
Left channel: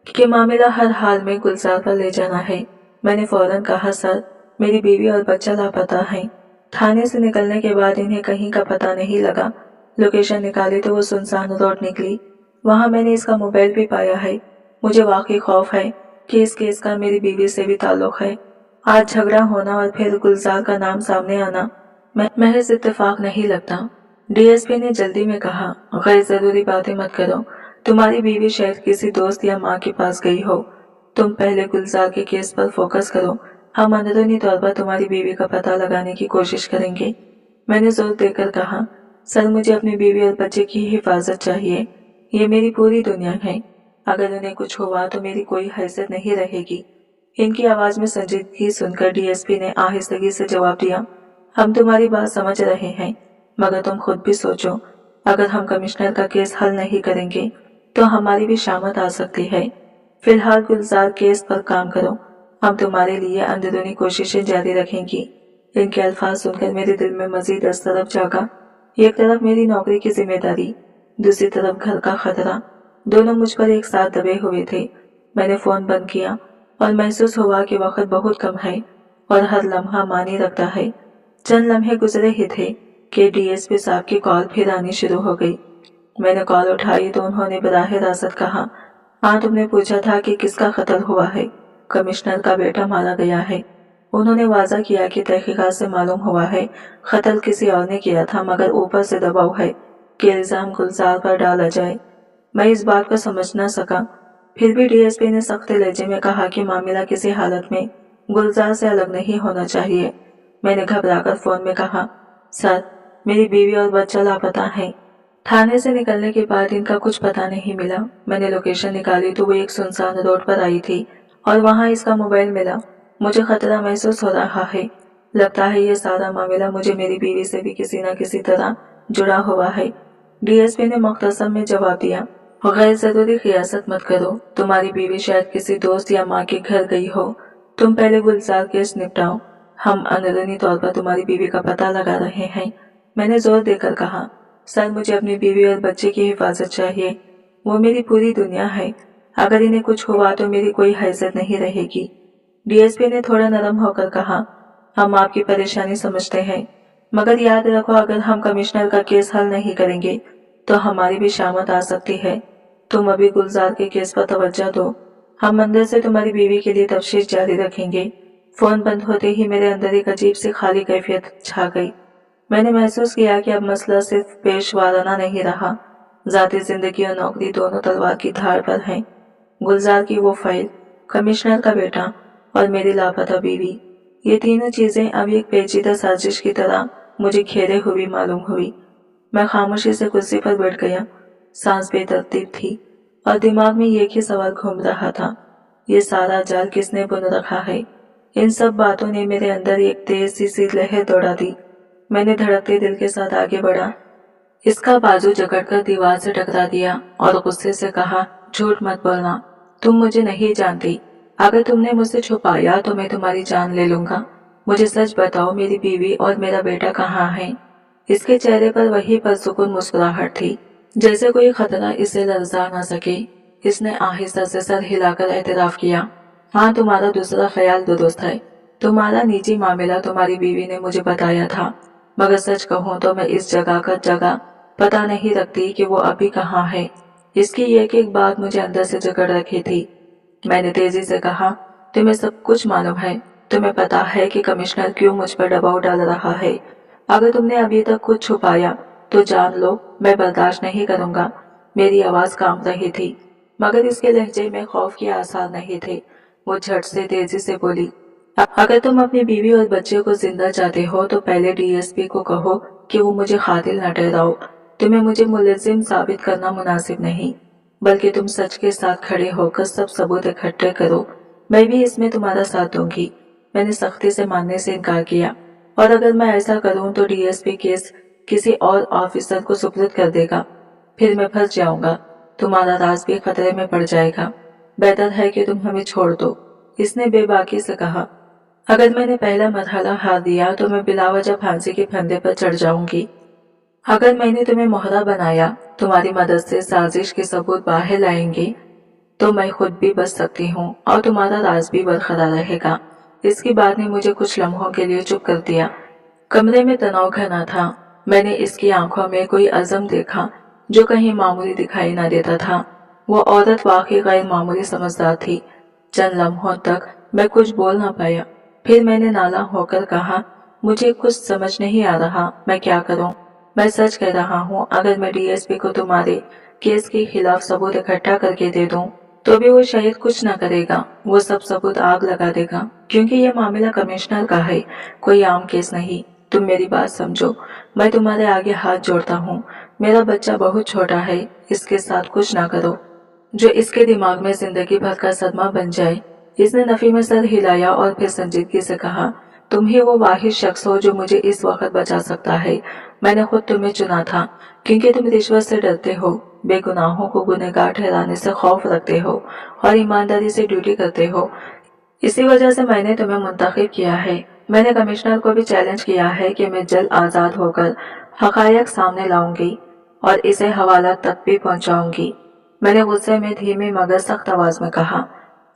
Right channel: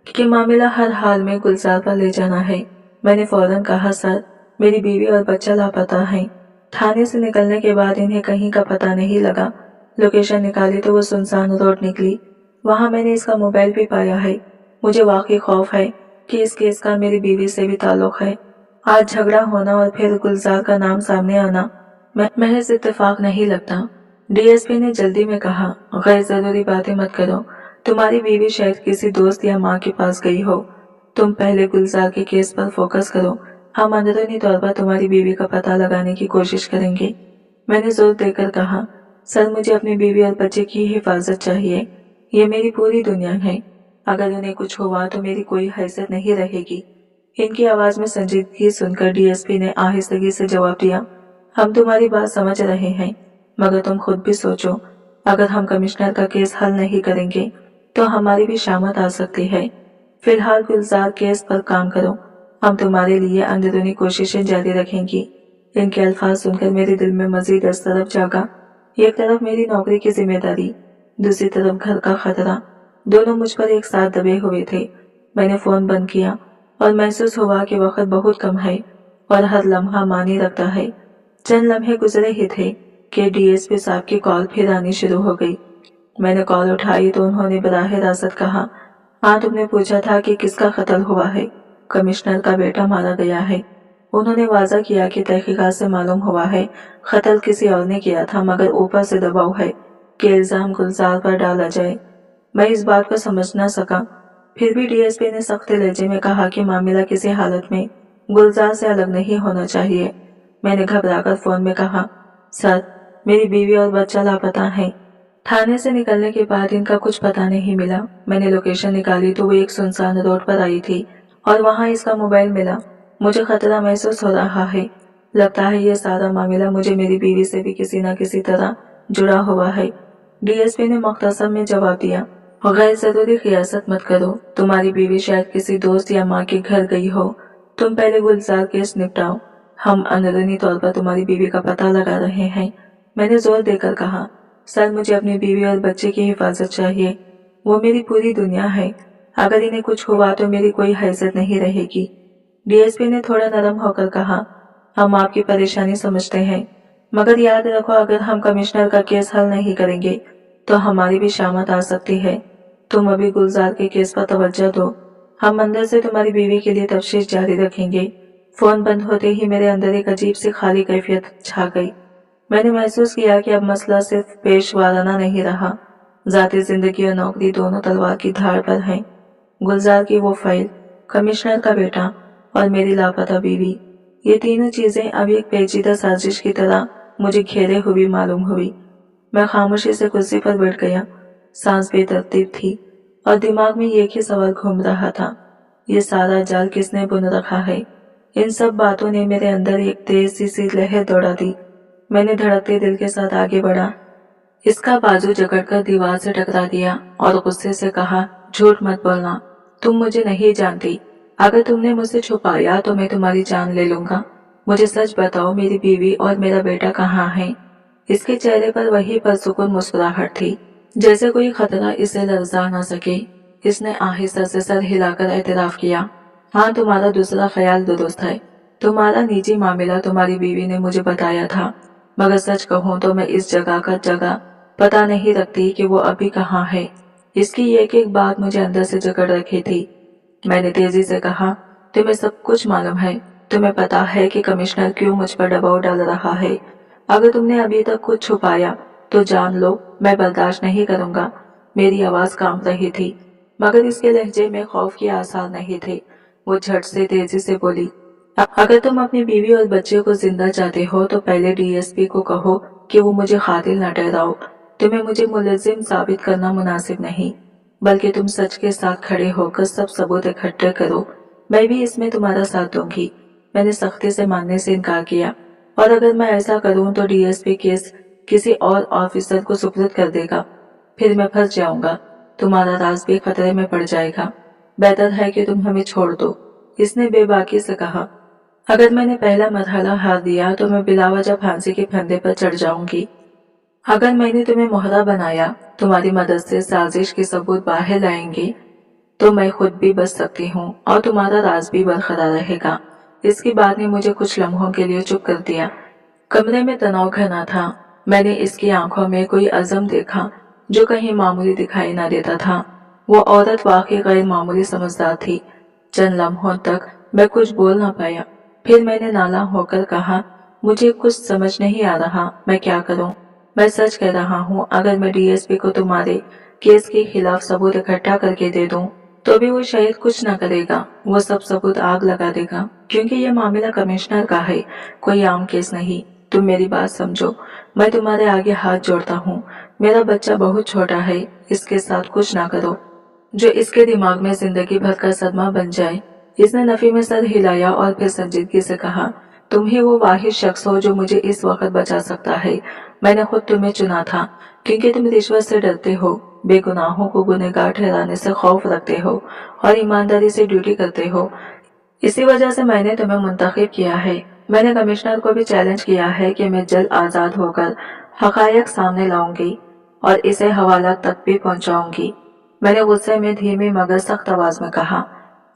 कि मामला हर हाल में गुलजार पर ले जाना है। मैंने फौरन कहा, सर, मेरी बीवी और बच्चा लापता हैं। थाने से निकलने के बाद इन्हें कहीं का पता नहीं लगा। लोकेशन निकाली तो वो सुनसान रोड निकली। वहाँ मैंने इसका मोबाइल भी पाया है। मुझे वाकई खौफ है कि इस केस का मेरी बीवी से भी ताल्लुक है। आज झगड़ा होना और फिर गुलजार का नाम सामने आना महज इत्तेफाक नहीं लगता। डीएसपी ने जल्दी में कहा, गैर जरूरी बातें मत करो। तुम्हारी बीवी शायद किसी दोस्त या माँ के पास गई हो। तुम पहले गुलजार के केस पर फोकस करो। हम अंदरूनी तौर पर तुम्हारी बीवी का पता लगाने की कोशिश करेंगे। मैंने जोर देकर कहा, सर, मुझे अपनी बीवी और बच्चे की हिफाजत चाहिए। ये मेरी पूरी दुनिया है। अगर उन्हें कुछ हुआ तो मेरी कोई हैसियत नहीं रहेगी। इनकी आवाज में संजीदगी सुनकर डीएसपी ने आहिस्तगी से जवाब दिया, हम तुम्हारी बात समझ रहे हैं, मगर तुम खुद भी सोचो, अगर हम कमिश्नर का केस हल नहीं करेंगे तो हमारी भी शामत आ सकती है। फिलहाल गुलजार केस पर काम करो। हम तुम्हारे लिए अंदरूनी कोशिशें जारी रखेंगी। इनके अल्फाज सुनकर मेरे दिल में मजीद अस्तरब जागा। एक तरफ मेरी नौकरी की जिम्मेदारी, दूसरी तरफ घर का खतरा, दोनों मुझ पर एक साथ दबे हुए थे। मैंने फोन बंद किया और महसूस हुआ कि वक्त बहुत कम है और हर लम्हा मानी रखता है। चंद लम्हे गुजरे ही थे कि डीएसपी साहब की कॉल फिर आनी शुरू हो गई। मैंने कॉल उठाई तो उन्होंने बराह रास्त कहा, हाँ, तुमने पूछा था कि किसका कत्ल हुआ है। कमिश्नर का बेटा मारा गया है। उन्होंने वाज़ा किया कि तहकीकात से मालूम हुआ है कत्ल किसी और ने किया था, मगर ऊपर से दबाव है कि इल्ज़ाम गुलजार पर डाला जाए। मैं इस बात को समझ न सका। फिर भी डीएसपी ने सख्त लहजे में कहा कि मामला किसी हालत में गुलजार से अलग नहीं होना चाहिए। मैंने घबराकर फोन में कहा, सर, मेरी बीवी और बच्चा लापता हैं। थाने से निकलने के बाद इनका कुछ पता नहीं मिला। मैंने लोकेशन निकाली तो वो एक सुनसान रोड पर आई थी और वहाँ इसका मोबाइल मिला। मुझे खतरा महसूस हो रहा है। लगता है ये सारा मामला मुझे मेरी बीवी से भी किसी न किसी तरह जुड़ा हुआ है। डीएसपी ने मुख्तसर में जवाब दिया, गैर जरूरी खियासत मत करो। तुम्हारी बीवी शायद किसी दोस्त या माँ के घर गई हो। तुम पहले गुलजार केस निपटाओ। हम अंदरूनी तौर पर तुम्हारी बीवी का पता लगा रहे हैं। मैंने जोर देकर कहा, सर, मुझे अपनी बीवी और बच्चे की हिफाजत चाहिए। वो मेरी पूरी दुनिया है। अगर इन्हें कुछ हुआ तो मेरी कोई हैसियत नहीं रहेगी। डीएसपी ने थोड़ा नरम होकर कहा, हम आपकी परेशानी समझते हैं, मगर याद रखो, अगर हम कमिश्नर का केस हल नहीं करेंगे तो हमारी भी शामत आ सकती है। तुम अभी गुलजार के केस पर तवज्जो दो। हम अंदर से तुम्हारी बीवी के लिए तफ्तीश जारी रखेंगे। फोन बंद होते ही मेरे अंदर एक अजीब सी खाली कैफियत छा गई। मैंने महसूस किया कि अब मसला सिर्फ पेशवाराना नहीं रहा, ज़ाती जिंदगी और नौकरी दोनों तलवार की धार पर हैं। गुलजार की वो फाइल, कमिश्नर का बेटा और मेरी लापता बीवी, ये तीनों चीजें अब एक पेचीदा साजिश की तरह मुझे घेरे हुई मालूम हुई। मैं खामोशी से कुर्सी पर बैठ गया। सांस बेतरतीब थी और दिमाग में एक ही सवाल घूम रहा था, ये सारा जाल किसने बुन रखा है। इन सब बातों ने मेरे अंदर एक तेज सी लहर दौड़ा दी। मैंने धड़कते दिल के साथ आगे बढ़ा, इसका बाजू जकड़कर दीवार से टकरा दिया और गुस्से से कहा, झूठ मत बोलना, तुम मुझे नहीं जानती। अगर तुमने मुझसे छुपाया तो मैं तुम्हारी जान ले लूंगा। मुझे सच बताओ, मेरी बीवी और मेरा बेटा कहाँ हैं? इसके चेहरे पर वही पुरसुकून मुस्कुराहट थी, जैसे कोई खतरा इसे लर्जा ना सके। इसने आहिस्ता से सर हिलाकर एतराफ किया, हाँ, तुम्हारा दूसरा ख्याल दुरुस्त है। तुम्हारा निजी मामला तुम्हारी बीवी ने मुझे बताया था, मगर सच कहूँ तो मैं इस जगह का जगह पता नहीं रखती कि वो अभी कहाँ है। इसकी एक एक बात मुझे अंदर से जकड़ रखी थी। मैंने तेजी से कहा, तुम्हें सब कुछ मालूम है। तुम्हें पता है कि कमिश्नर क्यों मुझ पर दबाव डाल रहा है। अगर तुमने अभी तक कुछ छुपाया तो जान लो, मैं बर्दाश्त नहीं करूंगा। मेरी आवाज कांप रही थी, मगर इसके लहजे में खौफ के आसार नहीं थे। वो झट से तेजी से बोली, अगर तुम अपनी बीवी और बच्चे को जिंदा चाहते हो तो पहले डीएसपी को कहो कि वो मुझे कातिल न ठहराओ। तुम्हें मुझे मुलजिम साबित करना मुनासिब नहीं, बल्कि तुम सच के साथ खड़े होकर सब सबूत इकट्ठे करो। मैं भी इसमें तुम्हारा साथ दूंगी। मैंने सख्ती से मानने से इनकार किया, और अगर मैं ऐसा करूं तो डीएसपी केस किसी और ऑफिसर को सुपुर्द कर देगा। फिर मैं फंस जाऊंगा। तुम्हारा राज भी खतरे में पड़ जाएगा। बेहतर है कि तुम हमें छोड़ दो, इसने बेबाकी से कहा। अगर मैंने पहला मरहला हार दिया तो मैं बिलावजह फांसी के फंदे पर चढ़ जाऊंगी। अगर मैंने तुम्हें मोहरा बनाया, तुम्हारी मदद से साजिश के सबूत बाहर लाएंगे, तो मैं खुद भी बच सकती हूँ और तुम्हारा राज भी बरकरार रहेगा। इसकी बात ने मुझे कुछ लम्हों के लिए चुप कर दिया। कमरे में तनाव घना था। मैंने इसकी आंखों में कोई अज़म देखा जो कहीं मामूली दिखाई न देता था। वो औरत वाकई गैर मामूली समझदार थी। चंद लम्हों तक मैं कुछ बोल न पाया। फिर मैंने नाला होकर कहा, मुझे कुछ समझ नहीं आ रहा, मैं क्या करूं? मैं सच कह रहा हूं, अगर मैं डीएसपी को तुम्हारे केस के खिलाफ सबूत इकट्ठा करके दे दूं, तो भी वो शायद कुछ न करेगा। वो सब सबूत आग लगा देगा, क्योंकि ये मामला कमिश्नर का है, कोई आम केस नहीं। तुम मेरी बात समझो, मैं तुम्हारे आगे हाथ जोड़ता हूँ। मेरा बच्चा बहुत छोटा है, इसके साथ कुछ ना करो जो इसके दिमाग में जिंदगी भर का सदमा बन जाए। इसने नफी में सर हिलाया और फिर संजीदगी से कहा, तुम ही वो वाहिद शख्स हो जो मुझे इस वक्त बचा सकता है। मैंने खुद तुम्हें चुना था, क्योंकि तुम रिश्वत से डरते हो, बेगुनाहों को गुनहगार ठहराने से खौफ रखते हो और ईमानदारी से ड्यूटी करते हो। इसी वजह से मैंने तुम्हें मुंतखब किया है। मैंने कमिश्नर को भी चैलेंज किया है कि मैं जल्द आज़ाद होकर हकायक सामने लाऊंगी और इसे हवाला तक भी पहुंचाऊंगी। मैंने गुस्से में धीमी मगर सख्त आवाज में कहा,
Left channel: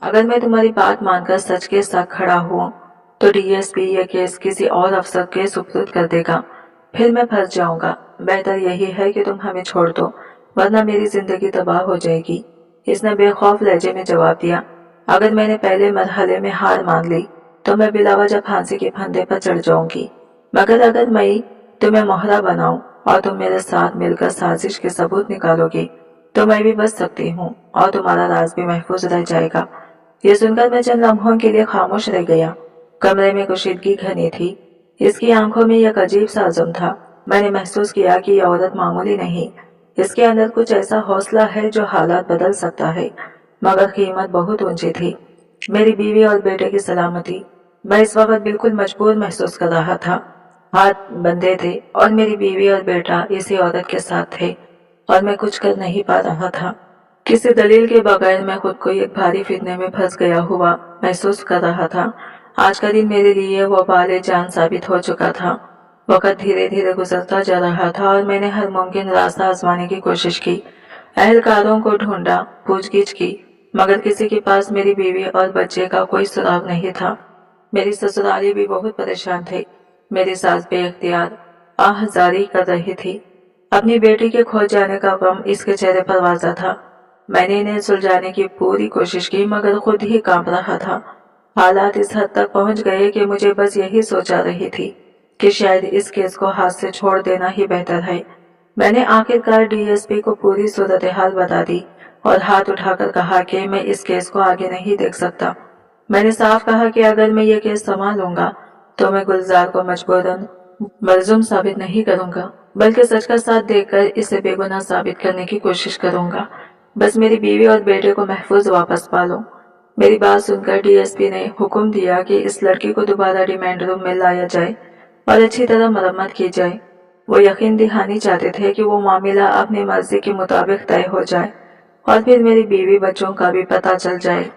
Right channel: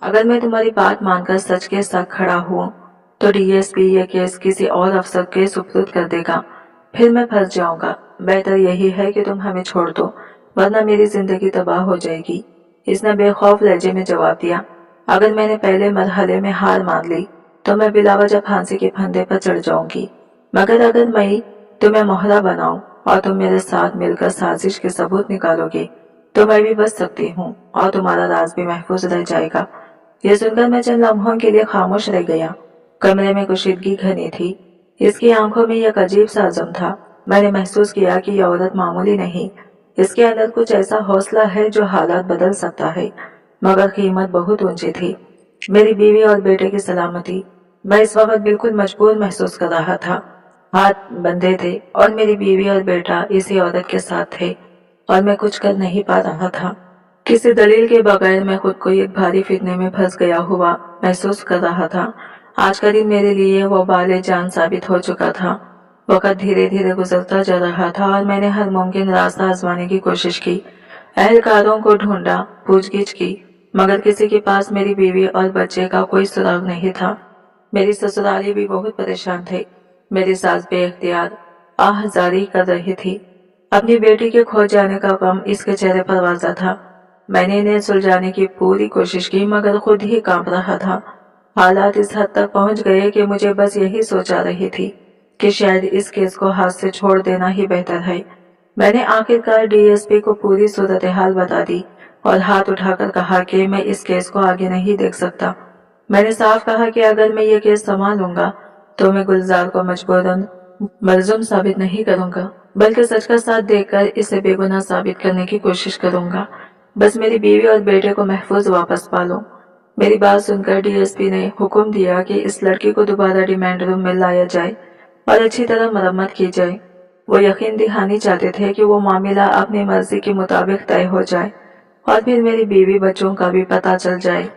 अगर मैं तुम्हारी बात मानकर सच के साथ खड़ा हुआ तो डीएसपी ये केस किसी और अफसर के सुपुर्द कर देगा, फिर मैं फंस जाऊंगा। बेहतर यही है कि तुम हमें छोड़ दो, वरना मेरी जिंदगी तबाह हो जाएगी। इसने बेखौफ लहजे में जवाब दिया, अगर मैंने पहले मरहले में हार मान ली तो मैं बिलावजह फांसी के फंदे पर चढ़ जाऊंगी, मगर अगर मैं तुम्हें मोहरा बनाऊं और तुम मेरे साथ मिलकर साजिश के सबूत निकालोगे, तो मैं भी बच सकती हूँ और तुम्हारा राज भी महफूज रह जाएगा। यह सुनकर मैं चंद लम्हों के लिए खामोश रह गया। कमरे में कुशीदगी घनी थी। इसकी आंखों में एक अजीब सा अज़म था। मैंने महसूस किया कि यह औरत मामूली नहीं, इसके अंदर कुछ ऐसा हौसला है जो हालात बदल सकता है, मगर कीमत बहुत ऊंची थी। मेरी बीवी और बेटे की सलामती। मैं इस वक्त बिल्कुल मजबूर महसूस कर रहा था। हाथ बंधे थे और मेरी बीवी और बेटा इसी औरत के साथ थे और मैं कुछ कर नहीं पा रहा था। किसी दलील के बगैर मैं खुद को एक भारी फितने में फंस गया हुआ महसूस कर रहा था। आज का दिन मेरे लिए वो बाले जान साबित हो चुका था। वक्त धीरे धीरे गुजरता जा रहा था और मैंने हर मुमकिन रास्ता आजमाने की कोशिश की। अहलकारों को ढूंढा, पूछगिछ की, मगर किसी के पास मेरी बीवी और बच्चे का कोई सुराग नहीं था। मेरी ससुराली भी बहुत परेशान थे। मेरी सास बेख्तियार आहजारी कर रही थी। अपनी बेटी के खो जाने का गम इसके चेहरे पर वाज़ा था। मैंने इन्हें सुलझाने की पूरी कोशिश की, मगर खुद ही कांप रहा था। हालात इस हद तक पहुंच गए कि मुझे बस यही सोचा रही थी कि शायद इस केस को हाथ से छोड़ देना ही बेहतर है। मैंने आखिरकार डीएसपी को पूरी सूरत हाल बता दी और हाथ उठाकर कहा कि मैं इस केस को आगे नहीं देख सकता। मैंने साफ कहा कि अगर मैं ये केस संभालूंगा तो मैं गुलजार को मजबूरन मलजूम साबित नहीं करूंगा, बल्कि सच का साथ देकर इसे बेगुनाह साबित करने की कोशिश करूंगा। बस मेरी बीवी और बेटे को महफूज वापस पालो। मेरी बात सुनकर डीएसपी ने हुक्म दिया कि इस लड़की को दोबारा रिमांड रूम में लाया जाए और अच्छी तरह मरम्मत की जाए। वो यकीन दिलानी चाहते थे कि वो मामला अपनी मर्जी के मुताबिक तय हो जाए और फिर मेरी बीवी बच्चों का भी पता चल जाए।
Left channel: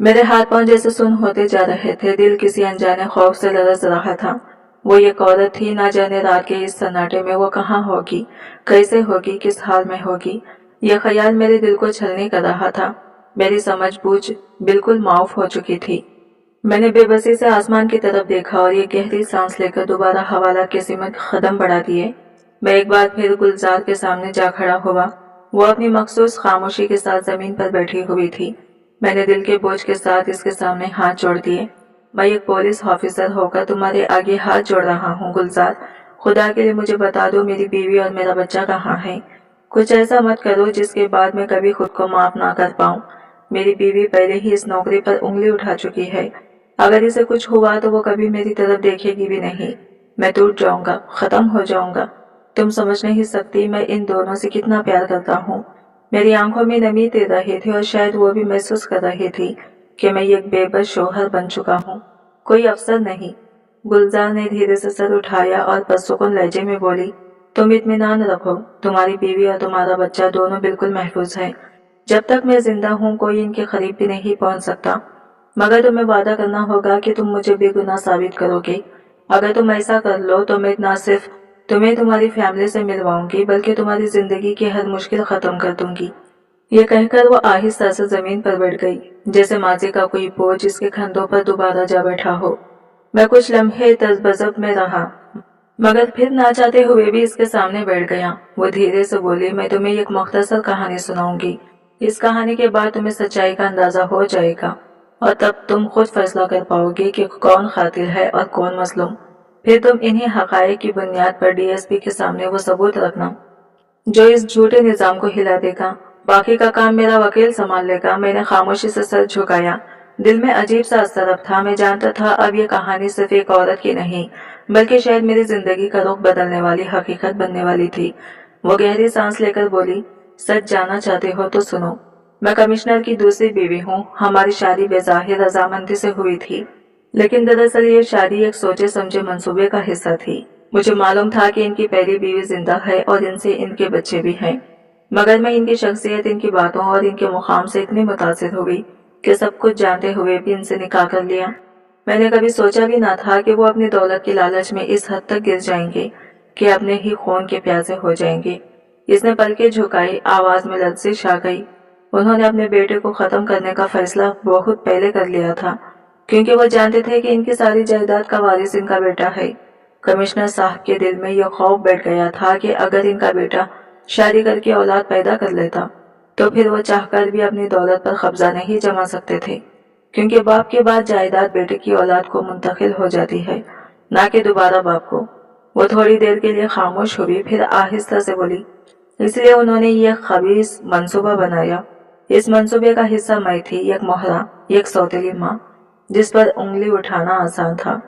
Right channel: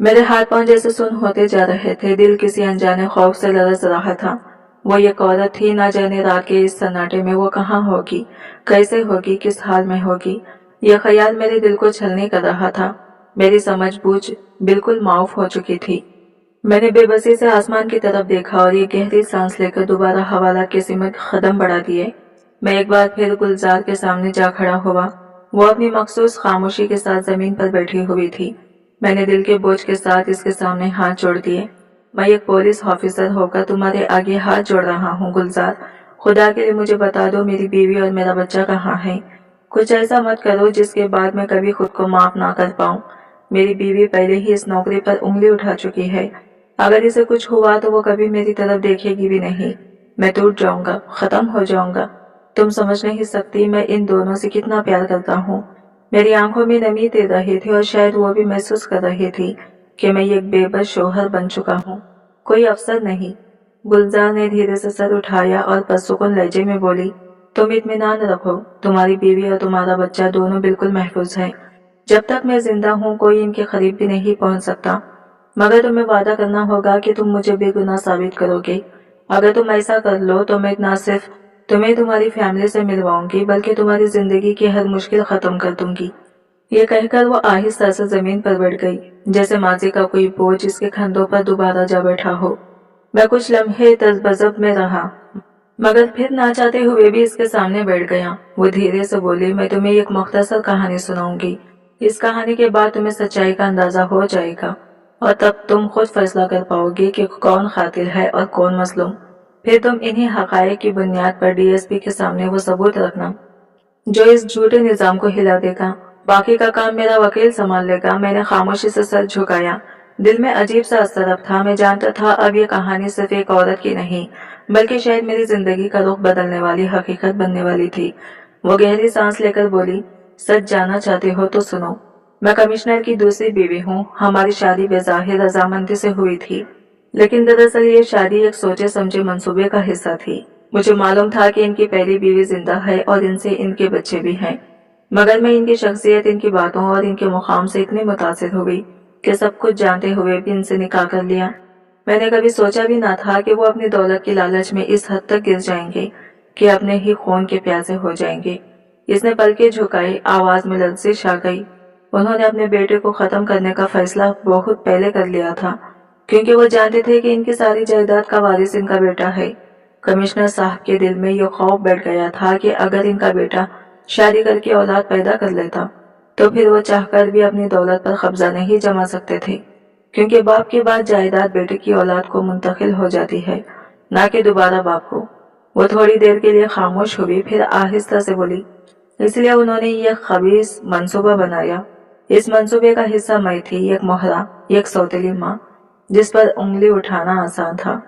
मेरे हाथ पांव जैसे सुन होते जा रहे थे। दिल किसी अनजाने खौफ से लरज रहा था। वो एक औरत थी, ना जाने रात के इस सन्नाटे में वो कहाँ होगी, कैसे होगी, किस हाल में होगी। यह ख्याल मेरे दिल को छलनी कर रहा था। मेरी समझ बूझ बिल्कुल माफ हो चुकी थी। मैंने बेबसी से आसमान की तरफ देखा और ये गहरी सांस लेकर दोबारा हवालात के सिमत कदम बढ़ा दिए। मैं एक बार फिर गुलजार के सामने जा खड़ा हुआ। वो अपनी मखसूस खामोशी के साथ जमीन पर बैठी हुई थी। मैंने दिल के बोझ के साथ इसके सामने हाथ जोड़ दिए। मैं एक पुलिस ऑफिसर होकर तुम्हारे आगे हाथ जोड़ रहा हूँ गुलजार। खुदा के लिए मुझे बता दो, मेरी बीवी और मेरा बच्चा कहाँ है? कुछ ऐसा मत करो जिसके बाद मैं कभी खुद को माफ ना कर पाऊँ। मेरी बीवी पहले ही इस नौकरी पर उंगली उठा चुकी है। अगर इसे कुछ हुआ तो वो कभी मेरी तरफ देखेगी भी नहीं। मैं टूट जाऊंगा, खत्म हो जाऊंगा। तुम समझ नहीं सकती मैं इन दोनों से कितना प्यार करता हूँ। मेरी आंखों में नमी दे रही थी और शायद वो भी महसूस कर रही थी कि मैं एक बेबस शोहर बन चुका हूँ, कोई अफसर नहीं। गुलजार ने धीरे से सर उठाया और पुरसुकून लहजे में बोली, तुम इत्मीनान रखो, तुम्हारी बीवी और तुम्हारा बच्चा दोनों बिल्कुल महफूज हैं। जब तक मैं जिंदा हूँ कोई इनके करीब भी नहीं पहुँच सकता, मगर तुम्हें वादा करना होगा कि तुम मुझे बेगुनाह साबित करोगे। अगर तुम ऐसा कर लो तो मैं न सिर्फ तुम्हें तुम्हारी फैमिली से मिलवाऊंगी बल्कि तुम्हारी जिंदगी की हर मुश्किल खत्म कर दूंगी। ये कहकर वो आहिस्ता से जमीन पर बैठ गई, जैसे माजी का कोई बोझ इसके कंधों पर दोबारा जा बैठा हो। मैं कुछ लम्हे तज़बज़ब में रहा, मगर फिर ना चाहते हुए भी इसके सामने बैठ गया। वो धीरे से बोली, मैं तुम्हें एक मुख्तसर कहानी सुनाऊंगी। इस कहानी के बाद तुम्हें सच्चाई का अंदाजा हो जाएगा और तब तुम खुद फैसला कर पाओगे कि कौन कातिल है और कौन मजलूम। फिर तुम इन्हीं हकायक की बुनियाद पर डीएसपी के सामने वो सबूत रखना जो इस झूठे निजाम को हिला देगा। बाकी का काम मेरा वकील संभाल लेगा। मैंने खामोशी से सर झुकाया। दिल में अजीब सा असरफ था। मैं जानता था अब ये कहानी सिर्फ एक औरत की नहीं बल्कि शायद मेरी जिंदगी का रुख बदलने वाली हकीकत बनने वाली थी। वो गहरी सांस लेकर बोली, सच जानना चाहते हो तो सुनो। मैं कमिश्नर की दूसरी बीवी हूँ। हमारी शादी बेज़ाहिर रजामंदी से हुई थी, लेकिन दरअसल ये शादी एक सोचे समझे मंसूबे का हिस्सा थी। मुझे मालूम था कि इनकी पहली बीवी जिंदा है और इनसे इनके बच्चे भी हैं, मगर मैं इनकी शख्सियत, इनकी बातों और इनके मुकाम से इतनी मुतासिर हुई कि सब कुछ जानते हुए भी इनसे निकाह कर लिया। मैंने कभी सोचा भी ना था कि वो अपनी दौलत की लालच में इस हद तक गिर जाएंगे कि अपने ही खून के प्यासे हो जाएंगे। इसने पलकें झुकाई, आवाज में लर्जिश आ गई। उन्होंने अपने बेटे को खत्म करने का फैसला बहुत पहले कर लिया था, क्योंकि वो जानते थे कि इनकी सारी जायदाद का वारिस इनका बेटा है। कमिश्नर साहब के दिल में यह खौफ बैठ गया था कि अगर इनका बेटा शादी करके औलाद पैदा कर लेता तो फिर वो चाहकर भी अपनी दौलत पर कब्जा नहीं जमा सकते थे, क्योंकि बाप के बाद जायदाद बेटे की औलाद को मुंतकिल हो जाती है, ना कि दोबारा बाप को। वो थोड़ी देर के लिए खामोश हुई, फिर आहिस्ता से बोली, इसलिए उन्होंने ये खबीस मंसूबा बनाया। इस मंसूबे का हिस्सा मैं थी, एक मोहरा, एक सौतेली माँ जिस पर उंगली उठाना आसान था।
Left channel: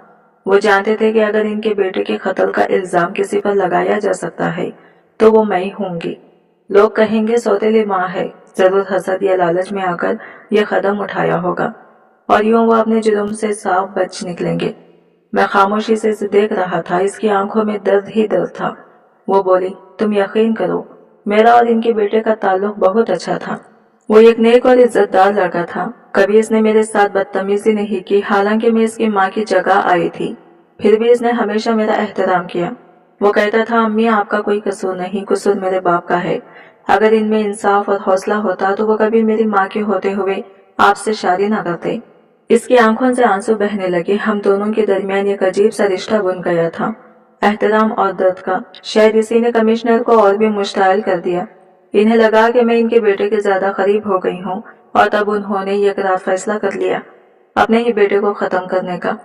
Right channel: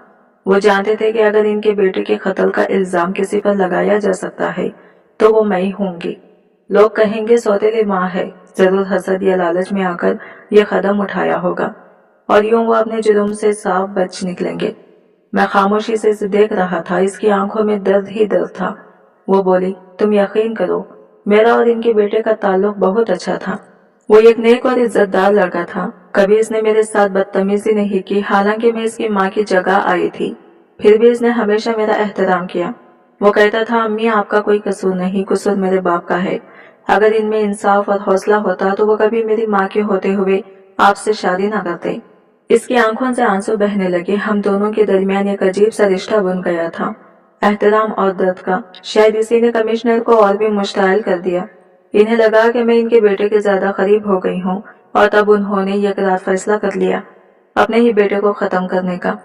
वो जानते थे कि अगर इनके बेटे के कत्ल का इल्जाम किसी पर लगाया जा सकता है तो वो मैं ही होंगी। लोग कहेंगे सौतेली माँ है, जरूर हसद या लालच में आकर यह कदम उठाया होगा, और यूं वो अपने जुर्म से साफ बच निकलेंगे। मैं खामोशी से इसे देख रहा था। इसकी आंखों में दर्द ही दर्द था। वो बोली, तुम यकीन करो, मेरा और इनके बेटे का ताल्लुक बहुत अच्छा था। वो एक नेक और इज्जतदार लड़का था। कभी इसने मेरे साथ बदतमीजी नहीं की, हालांकि मैं इसकी माँ की जगह आई थी, फिर भी इसने हमेशा मेरा एहतराम किया। वो कहता था, अम्मी आपका कोई कसूर नहीं, कसूर मेरे बाप का है। अगर इनमें इंसाफ और हौसला होता तो वो कभी मेरी माँ के होते हुए आपसे शादी ना करते। इसकी आंखों से आंसू बहने लगे। हम दोनों के दरमियान एक अजीब सा रिश्ता बन गया था, एहतराम और दर्द का। शायद इसी ने कमिश्नर को और भी मुश्ताइल कर दिया। इन्हें लगा कि मैं इनके बेटे के ज्यादा करीब हो गई हूँ, और तब उन्होंने ये करार फैसला कर लिया अपने ही बेटे को खत्म करने का।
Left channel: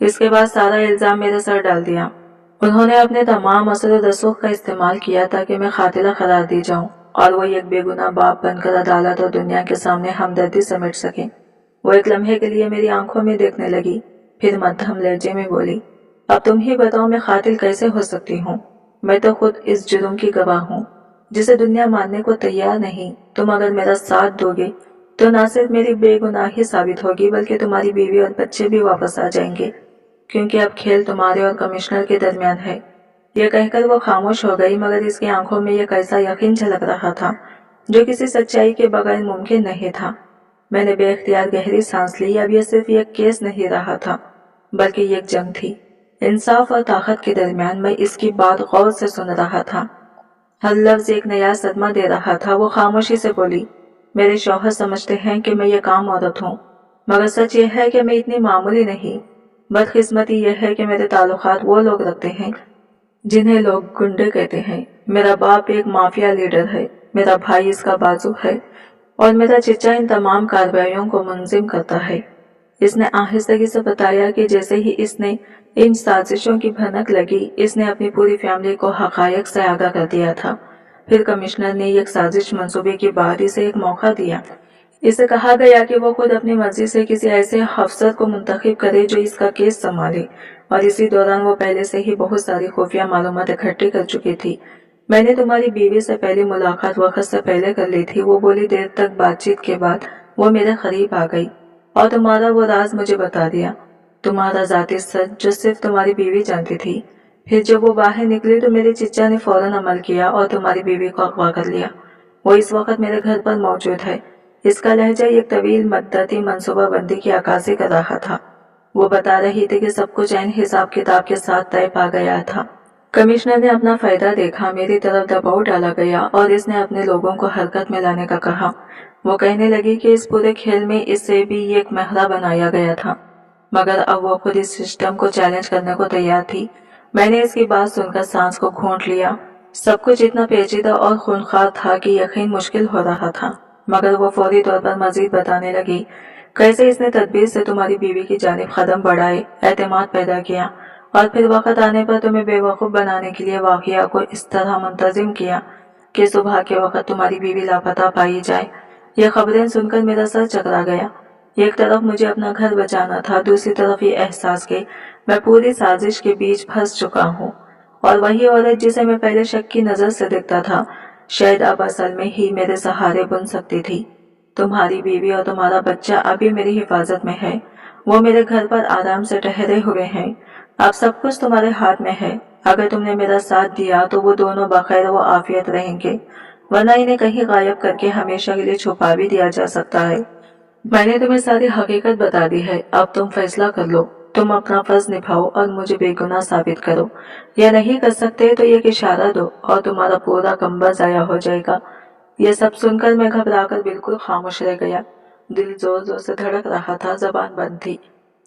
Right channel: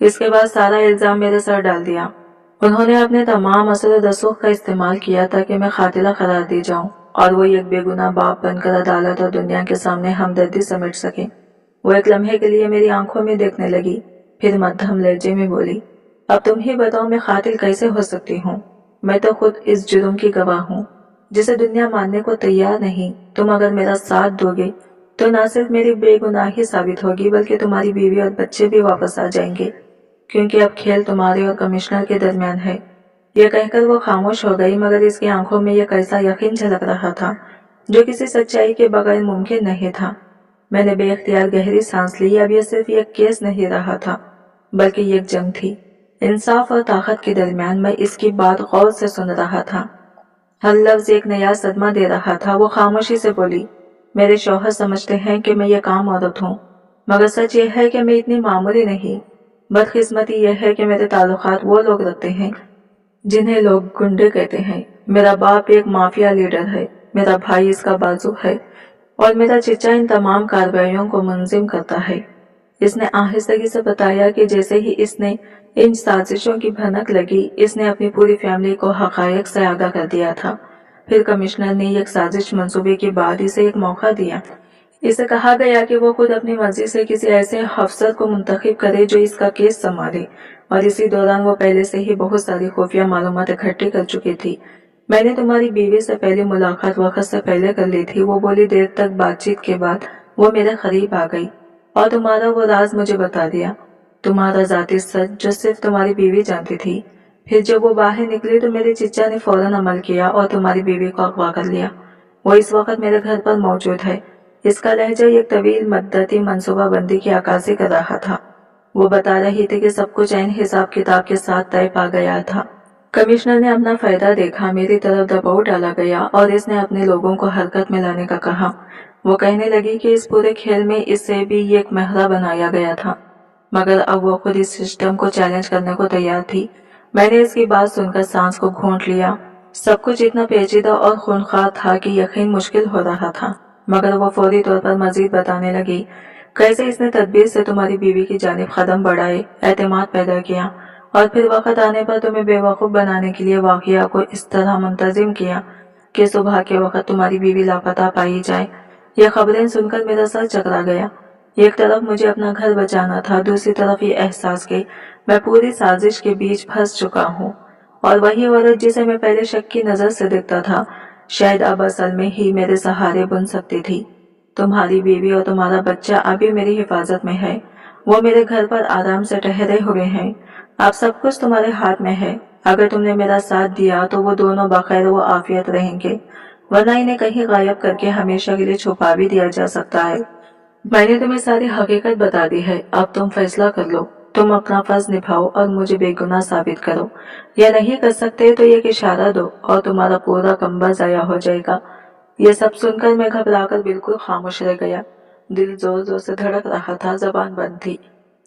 इसके बाद सारा इल्जाम मेरे सर डाल दिया। उन्होंने अपने तमाम असर रसूख का इस्तेमाल किया ताकि मैं कातिला करार दी जाऊं और वो एक बेगुनाह बाप बनकर अदालत और दुनिया के सामने हमदर्दी समेट सके। वो एक लम्हे के लिए मेरी आंखों में देखने लगी, फिर मध्यम लहजे में बोली, अब तुम ही बताओ मैं कातिल कैसे हो सकती हूँ? मैं तो खुद इस जुर्म की गवाह हूँ जिसे दुनिया मानने को तैयार नहीं। तुम अगर मेरा साथ दोगे तो न सिर्फ मेरी बेगुनाही साबित होगी बल्कि तुम्हारी बीवी और बच्चे भी वापस आ जाएंगे, क्योंकि अब खेल तुम्हारे और कमिश्नर के दरमियान है। यह कहकर वो खामोश हो गई, मगर इसकी आंखों में यह कैसा यकीन झलक रहा था जो किसी सच्चाई के बगैर मुमकिन नहीं था। मैंने बेख्तियार गहरी सांस ली। अब यह सिर्फ एक केस नहीं रहा था बल्कि एक जंग थी, इंसाफ और ताकत के दरमियान। मैं इसकी बात गौर से सुन रहा था, हर लफ्ज एक नया सदमा दे रहा था। वो खामोशी से बोली, मेरे शौहर समझते हैं कि मैं ये काम औरत हूँ, मगर सच यह है कि मैं इतनी मामूली नहीं। बदकिस्मती यह है कि मेरे ताल्लुकात वो लोग रखते हैं जिन्हें लोग गुंडे कहते हैं। मेरा बाप एक माफिया लीडर है, मेरा भाई इसका बाजू है, और मेरा चचा इन तमाम कार्रवाइयों को मुंजिम करता है। इसने आहिस्तगी से बताया कि जैसे ही इसने इन साजिशों की भनक लगी, इसने अपनी पूरी फैमिली को हकायक से आगाह कर दिया था। फिर कमिश्नर ने एक साजिश मंसूबे के बाद इसे एक मौका दिया। इसे कहा गया कि वो खुद अपनी मर्जी से किसी ऐसे अफसर को मुंतखब करे जो इसका केस संभाले, और इसी दौरान वो पहले से ही बहुत सारी खुफिया मालूमात इकट्ठी कर चुकी थी। मैंने तुम्हारी बीवी से पहली मुलाकात वक्त से पहले कर ली थी। वो बोली, देर तक बातचीत के बाद वो मेरे करीब आ गई और तुम्हारा वो राज मुझे बता दिया, तुम्हारा जाती सच जो सिर्फ तुम्हारी बीवी जानती थी। फिर जब वो बाहर निकली तो मेरे चिच्चा ने फौरन अमल किया और तुम्हारी बीवी को अगवा कर लिया। वो इस वक्त मेरे घर पर मौजूद है। इसका लहजा एक तवील मद्दती मनसूबा बंदी की अक्कासी कर रहा था। वो बता रही थी कि सब कुछ ऐन हिसाब किताब के साथ तय पा गया था। कमिश्नर ने अपना फायदा देखा, मेरी तरफ दबाव डाला गया और इसने अपने लोगों को हरकत में लाने का कहा। वो कहने लगी कि इस पूरे खेल में इसे भी एक महरा बनाया गया था, मगर अब वो खुद इस सिस्टम को चैलेंज करने को तैयार थी। मैंने इसकी बात सुनकर सांस को घूंट लिया। सब कुछ इतना पेचीदा और खूनखार था कि यकीन मुश्किल हो रहा था। मगर वो फौरी तौर पर मजीद बताने लगी, कैसे इसने तदबीर से तुम्हारी बीवी की जानिब कदम बढ़ाए, एतमाद पैदा किया और फिर वक्त आने पर तुम्हें बेवकूफ़ बनाने के लिए वाक़या को इस तरह मुंतज़िम किया कि सुबह के वक्त तुम्हारी बीवी लापता पाई जाए। ये खबरें सुनकर मेरा सर चकरा गया। एक तरफ मुझे अपना घर बचाना था, दूसरी तरफ ये एहसास कि मैं पूरी साजिश के बीच फंस चुका हूँ। और वही औरत जिसे मैं पहले शक की नज़र से देखता था, शायद अब असल में ही मेरे सहारे बन सकती थी। तुम्हारी बीवी और तुम्हारा बच्चा अभी मेरी हिफाजत में है। वो मेरे घर पर आराम से ठहरे हुए हैं। अब सब कुछ तुम्हारे हाथ में है। अगर तुमने मेरा साथ दिया तो वो दोनों बखैर व आफियत रहेंगे, वरना इन्हें कहीं गायब करके हमेशा के लिए छुपा भी दिया जा सकता है। मैंने तुम्हें सारी हकीकत बता दी है, अब तुम फैसला कर लो। तुम अपना फर्ज निभाओ और मुझे बेगुनाह साबित करो, या नहीं कर सकते तो एक इशारा दो और तुम्हारा पूरा कंबल जाया हो जाएगा। यह सब सुनकर मैं घबराकर बिल्कुल खामोश रह गया। दिल जोर जोर से धड़क रहा था, जबान बंद थी।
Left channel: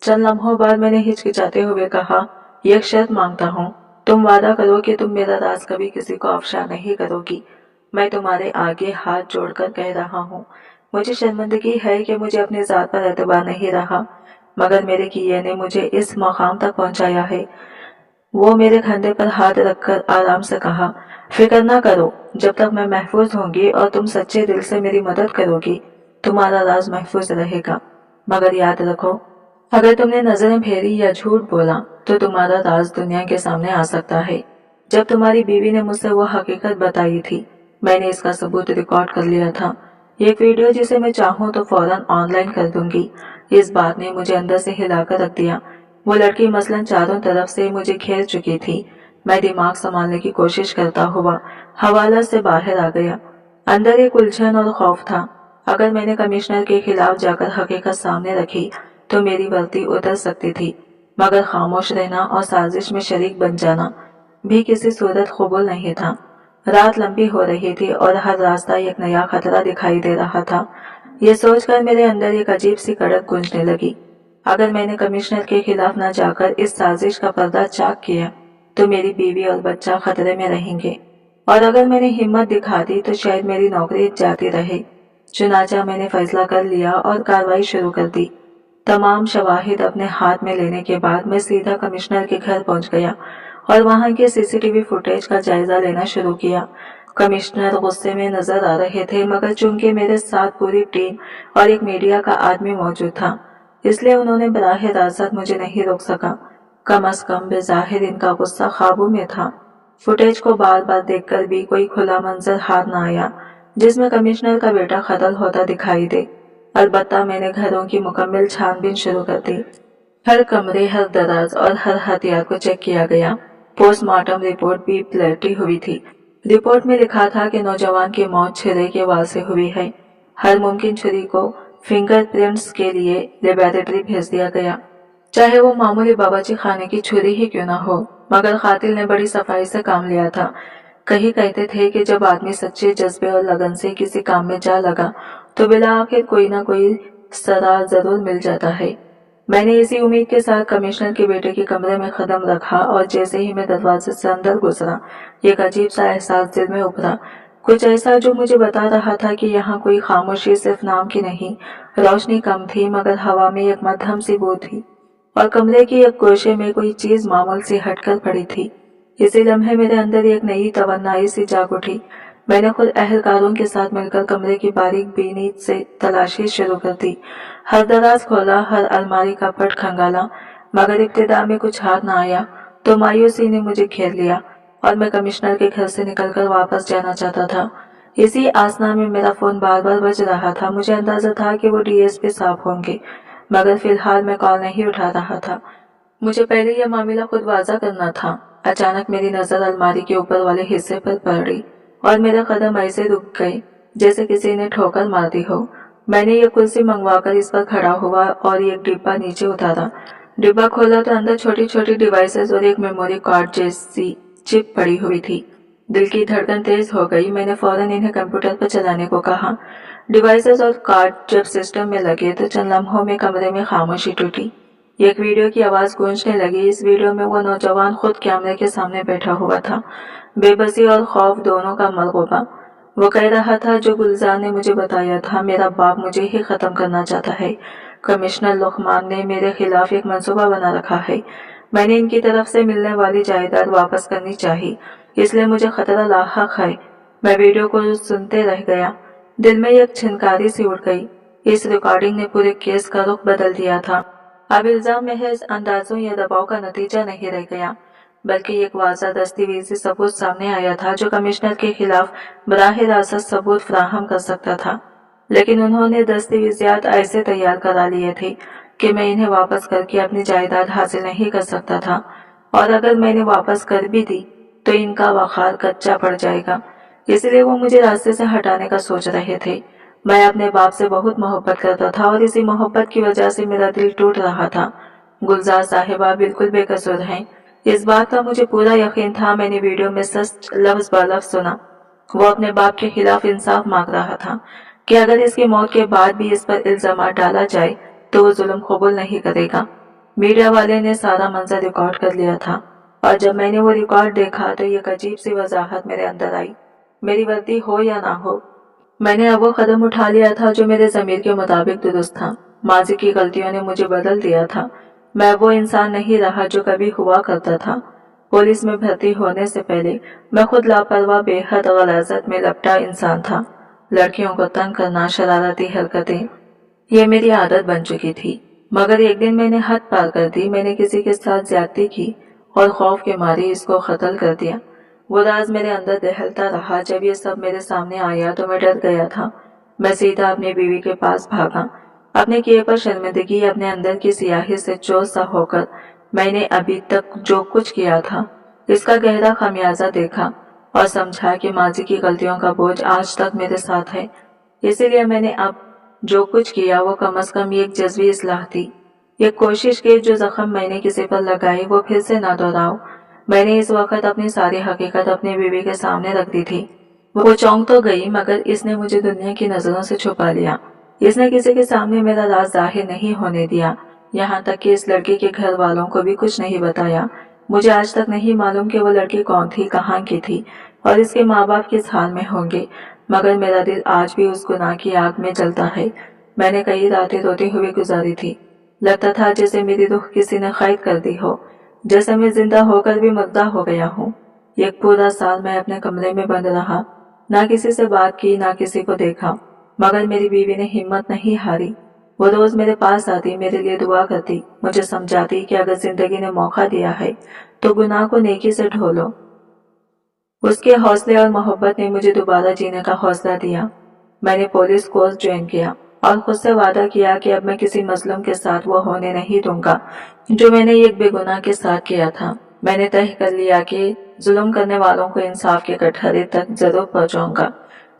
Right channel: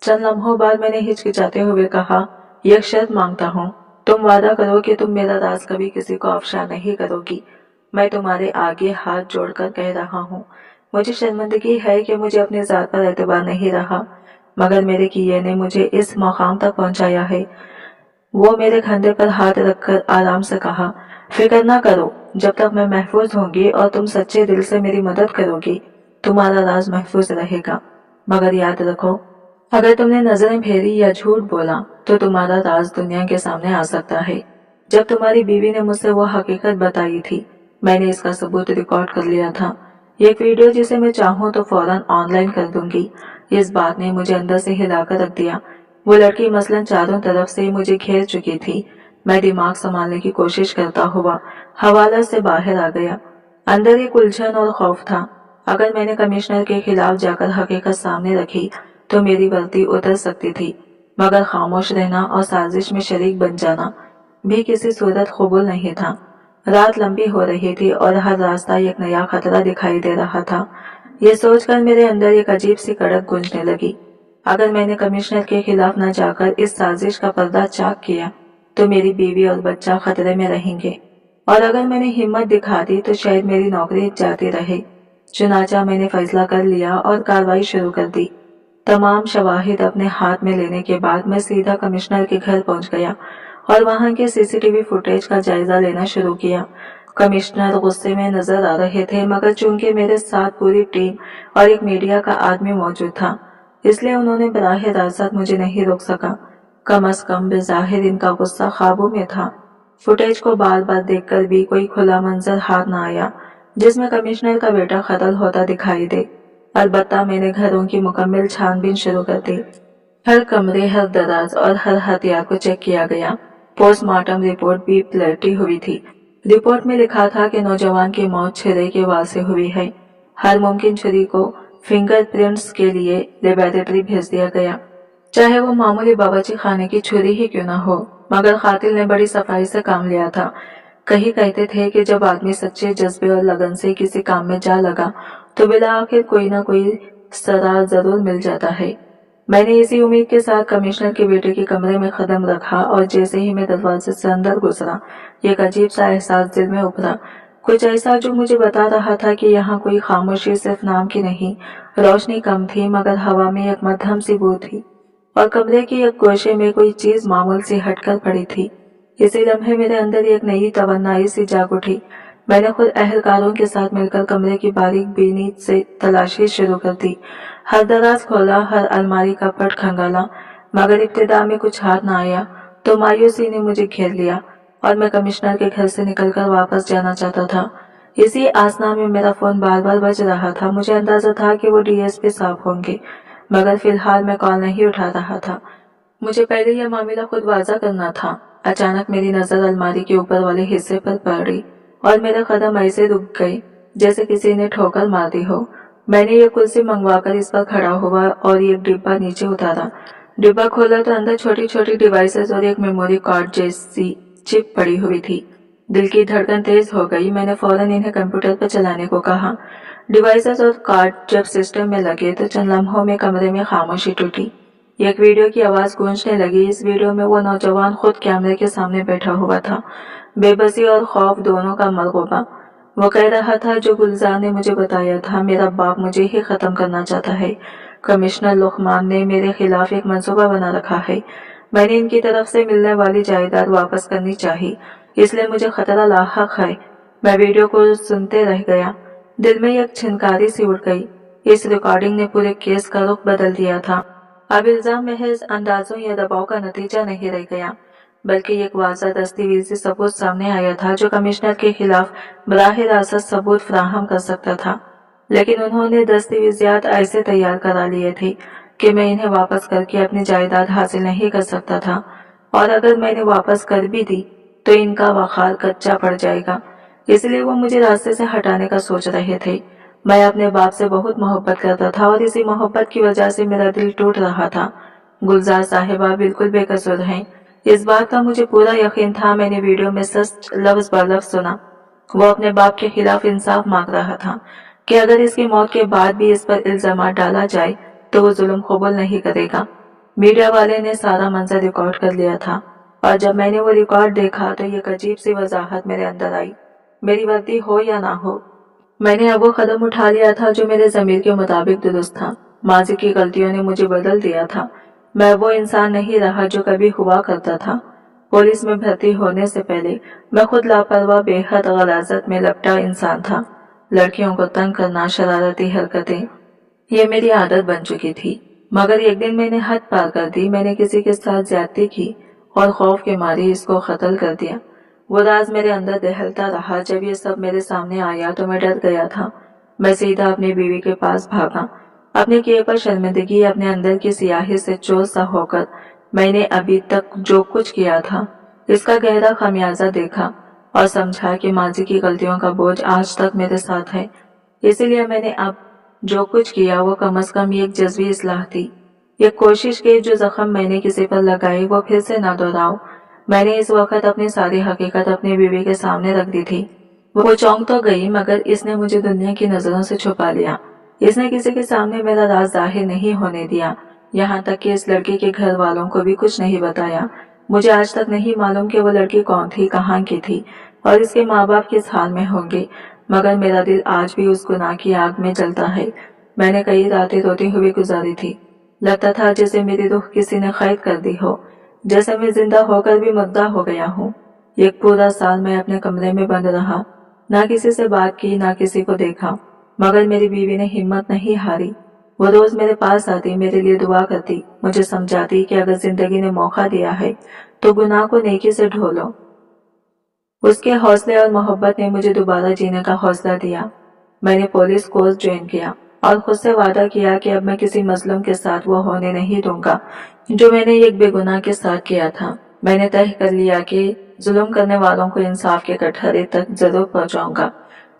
चंद लम्हों बाद मैंने हिचकिचाते हुए कहा, एक शर्त मांगता हूँ, तुम वादा करो कि तुम मेरा राज कभी किसी को अफशा नहीं करोगी। मैं तुम्हारे आगे हाथ जोड़कर कह रहा हूँ। मुझे शर्मिंदगी है कि मुझे अपनी जात पर एतबार नहीं रहा, मगर मेरे किए ने मुझे इस मकाम तक पहुंचाया है। वो मेरे कंधे पर हाथ रखकर आराम से कहा, फिक्र ना करो, जब तक मैं महफूज होंगी और तुम सच्चे दिल से मेरी मदद करोगी, तुम्हारा राज महफूज रहेगा। मगर याद रखो, अगर तुमने नजरें फेरी या झूठ बोला तो तुम्हारा राज दुनिया के सामने आ सकता है। जब तुम्हारी बीवी ने मुझसे वो हकीकत बताई थी, मैंने इसका सबूत रिकॉर्ड कर लिया था। एक वीडियो जिसे मैं चाहूँ तो फौरन ऑनलाइन कर दूंगी। इस बात ने मुझे अंदर से हिलाकर रख दिया। वो लड़की मसलन चारों तरफ से मुझे घेर चुकी थी। मैं दिमाग संभालने की कोशिश करता हुआ हवाला से बाहर आ गया। अंदर एक उलझन और खौफ था। अगर मैंने कमिश्नर के खिलाफ जाकर हकीकत सामने रखी तो मेरी वर्दी उतर सकती थी, मगर खामोश रहना और साजिश में शरीक बन जाना भी किसी सूरत कबूल नहीं था। रात लंबी हो रही थी और हर रास्ता एक नया खतरा दिखाई दे रहा था। ये सोचकर मेरे अंदर एक अजीब सी कड़क गूंजने लगी। अगर मैंने कमिश्नर के खिलाफ न जाकर इस साजिश का पर्दा चाक किया तो मेरी बीवी और बच्चा खतरे में रहेंगे, और अगर मैंने हिम्मत दिखा दी तो शायद मेरी नौकरी जाती रहे। चुनाचा मैंने फैसला कर लिया और कार्रवाई शुरू कर दी। तमाम शवाहिद अपने हाथ में लेने के बाद मैं सीधा कमिश्नर के घर पहुंच गया और वहां के सीसीटीवी फुटेज का जायजा लेना शुरू किया। कमिश्नर गुस्से में नजर आ रहे थे, मगर चूंकि मेरे साथ पूरी टीम और एक मीडिया का आदमी मौजूद था, इसलिए उन्होंने बराह रास्त मुझे नहीं रोक सका। कम अज कम बेजाहिर इनका गुस्सा काबू में था। फुटेज को बार बार देखकर भी कोई खुला मंजर हाथ न आया जिसमें कमिश्नर का बेटा कत्ल होता दिखाई दे। अलबत्ता मैंने घरों की मुकम्मल छानबीन शुरू कर दी। हर कमरे, हर दराज और हर हथियार को चेक किया गया। पोस्टमार्टम रिपोर्ट भी पलटी हुई थी। रिपोर्ट में लिखा था कि नौजवान की मौत छुरे के वार से हुई है। हर मुमकिन छुरी को फिंगरप्रिंट्स के लिए लेबोरेटरी भेज दिया गया, चाहे वो मामूली बावर्ची खाने की छुरी ही क्यों न हो। मगर कातिल ने बड़ी सफाई से काम लिया था। कहीं कहते थे कि जब आदमी सच्चे जज्बे और लगन से किसी काम में जा लगा तो बिला आखिर कोई ना कोई सरार जरूर मिल जाता है। मैंने इसी उम्मीद के साथ कमिश्नर के बेटे के कमरे में कदम रखा और जैसे ही मैं दरवाजे से अंदर गुजरा, एक अजीब सा एहसास दिल में उभरा। कुछ ऐसा जो मुझे बता रहा था कि यहाँ कोई खामोशी सिर्फ नाम की नहीं। रोशनी कम थी, मगर हवा में एक मध्यम सी बू थी और कमरे की एक गोशे में कोई चीज मामूल से हटकर पड़ी थी। इसी लम्हे मेरे अंदर एक नई तवन्नाई सी जाग उठी। मैंने खुद अहलकारों के साथ मिलकर कमरे की बारीक बीनी से तलाशी शुरू कर दी। हर दराज खोला, हर अलमारी का पट खंगाला, मगर इब्तिदा में कुछ हाथ न आया तो मायूसी ने मुझे घेर लिया और मैं कमिश्नर के घर से निकलकर वापस जाना चाहता था। इसी आसना में मेरा फोन बार बार बज रहा था। मुझे अंदाजा था कि वो डीएसपी साहब होंगे, मगर फिलहाल मैं कॉल नहीं उठा रहा था। मुझे पहले यह मामला खुद वाजा करना था। अचानक मेरी नजर अलमारी के ऊपर वाले हिस्से पर पड़ी और मेरे कदम ऐसे रुक गए जैसे किसी ने ठोकर मार दी हो। मैंने ये कुर्सी मंगवाकर इस पर खड़ा हुआ और एक डिब्बा नीचे उतारा। डिब्बा खोला तो अंदर छोटी छोटी डिवाइसेस और एक मेमोरी कार्ड जैसी चिप पड़ी हुई थी। दिल की धड़कन तेज हो गई। मैंने फौरन इन्हें कंप्यूटर पर चलाने को कहा। डिवाइसेस और कार्ड जब सिस्टम में लगे तो चंद लम्हों में कमरे में खामोशी टूटी। एक वीडियो की आवाज गूंजने लगी। इस वीडियो में वो नौजवान खुद कैमरे के सामने बैठा हुआ था, बेबसी और खौफ दोनों का मलगूबा। वो कह रहा था, जो गुलजार ने मुझे बताया था, मेरा बाप मुझे ही खत्म करना चाहता है। कमिश्नर लुकमान ने मेरे खिलाफ एक मंसूबा बना रखा है। मैंने इनकी तरफ से मिलने वाली जायदाद वापस करनी चाहिए, इसलिए मुझे खतरा लाहक है। मैं वीडियो को सुनते रह गया। दिल में एक छिनकारी सी उड़ गई। इस रिकॉर्डिंग ने पूरे केस का रुख बदल दिया था। अब इल्जाम महज अंदाजों या दबाव का नतीजा नहीं रह गया, बल्कि एक वाज़ा दस्तावेजी सबूत सामने आया था जो कमिश्नर के खिलाफ बराह रास्त सबूत फराहम कर सकता था। लेकिन उन्होंने दस्तावेजात ऐसे तैयार करा लिए थे कि मैं इन्हें वापस करके अपनी जायदाद हासिल नहीं कर सकता था, और अगर मैंने वापस कर भी दी तो इनका वक़ार कच्चा पड़ जाएगा। इसलिए वो मुझे रास्ते से हटाने का सोच रहे थे। मैं अपने बाप से बहुत मोहब्बत करता था और इसी मोहब्बत की वजह से मेरा दिल टूट रहा था। गुलजार साहिबा बिल्कुल बेकसूर हैं, इस बात का मुझे पूरा यकीन था। मैंने वीडियो में सच लफ्ज ब लफ्ज सुना। वो अपने बाप के खिलाफ इंसाफ मांग रहा था कि अगर इसकी मौत के बाद भी इस पर इल्जाम डाला जाए तो वो जुल्म कबूल नहीं करेगा। मीडिया वाले ने सारा मंजर रिकॉर्ड कर लिया था, और जब मैंने वो रिकॉर्ड देखा तो एक अजीब सी वजाहत मेरे अंदर आई। मेरी वर्दी हो या ना हो, मैंने अब वो कदम उठा लिया था जो मेरे ज़मीर के मुताबिक दुरुस्त था। माजी की गलतियों ने मुझे बदल दिया था। मैं वो इंसान नहीं रहा जो कभी हुआ करता था। पुलिस में भर्ती होने से पहले मैं खुद लापरवाह, बेहद गलाजत में लपटा इंसान था। लड़कियों को तंग करना, शरारती हरकतें, ये मेरी आदत बन चुकी थी। मगर एक दिन मैंने हद पार कर दी। मैंने किसी के साथ ज्यादती की और खौफ के मारे इसको कत्ल कर दिया। वो राज मेरे अंदर दहलता रहा। जब ये सब मेरे सामने आया तो मैं डर गया था। मैं सीधा अपनी बीवी के पास भागा। अपने किए पर शर्मिंदगी, अपने अंदर की सियाही से चोर सा होकर मैंने अभी तक जो कुछ किया था इसका गहरा खमियाजा देखा और समझा कि माजी की गलतियों का बोझ आज तक मेरे साथ है। इसीलिए मैंने अब जो कुछ किया वो कम से कम एक जज्बी इस्लाह थी। एक कोशिश की जो जख्म मैंने किसी पर लगाई वो फिर से ना दोहराऊं। मैंने इस वक्त अपनी सारी हकीकत अपनी बीवी के सामने रख दी थी। वो चौंक तो गई, मगर इसने मुझे दुनिया की नजरों से छुपा लिया। इसने किसी के सामने मेरा राज जाहिर नहीं होने दिया। यहाँ तक कि इस लड़की के घर वालों को भी कुछ नहीं बताया। मुझे आज तक नहीं मालूम कि वो लड़की कौन थी, कहाँ की थी और इसके माँ बाप किस हाल में होंगे, मगर मेरा दिल आज भी उस गुनाह की आग में जलता है। मैंने कई रातें रोते हुए गुजारी थी। लगता था जैसे मेरी रूह किसी ने कैद कर दी हो, जैसे मैं जिंदा होकर भी मुर्दा हो गया हूँ। एक पूरा साल मैं अपने कमरे में बंद रहा, ना किसी से बात की, ना किसी को देखा, मगर मेरी बीवी ने हिम्मत नहीं हारी। वो रोज मेरे पास आती, मेरे लिए दुआ करती, मुझे समझाती कि अगर जिंदगी ने मौका दिया है तो गुनाह को नेकी से ढो लो। उसके हौसले और मोहब्बत ने मुझे दोबारा जीने का हौसला दिया। मैंने पुलिस कोर्स ज्वाइन किया और खुद से वादा किया कि अब मैं किसी मजलूम के साथ वो होने नहीं दूंगा जो मैंने एक बेगुनाह के साथ किया था। मैंने तय कर लिया कि जुल्म करने वालों को इंसाफ के कटहरे तक जरूर पहुंचाऊंगा,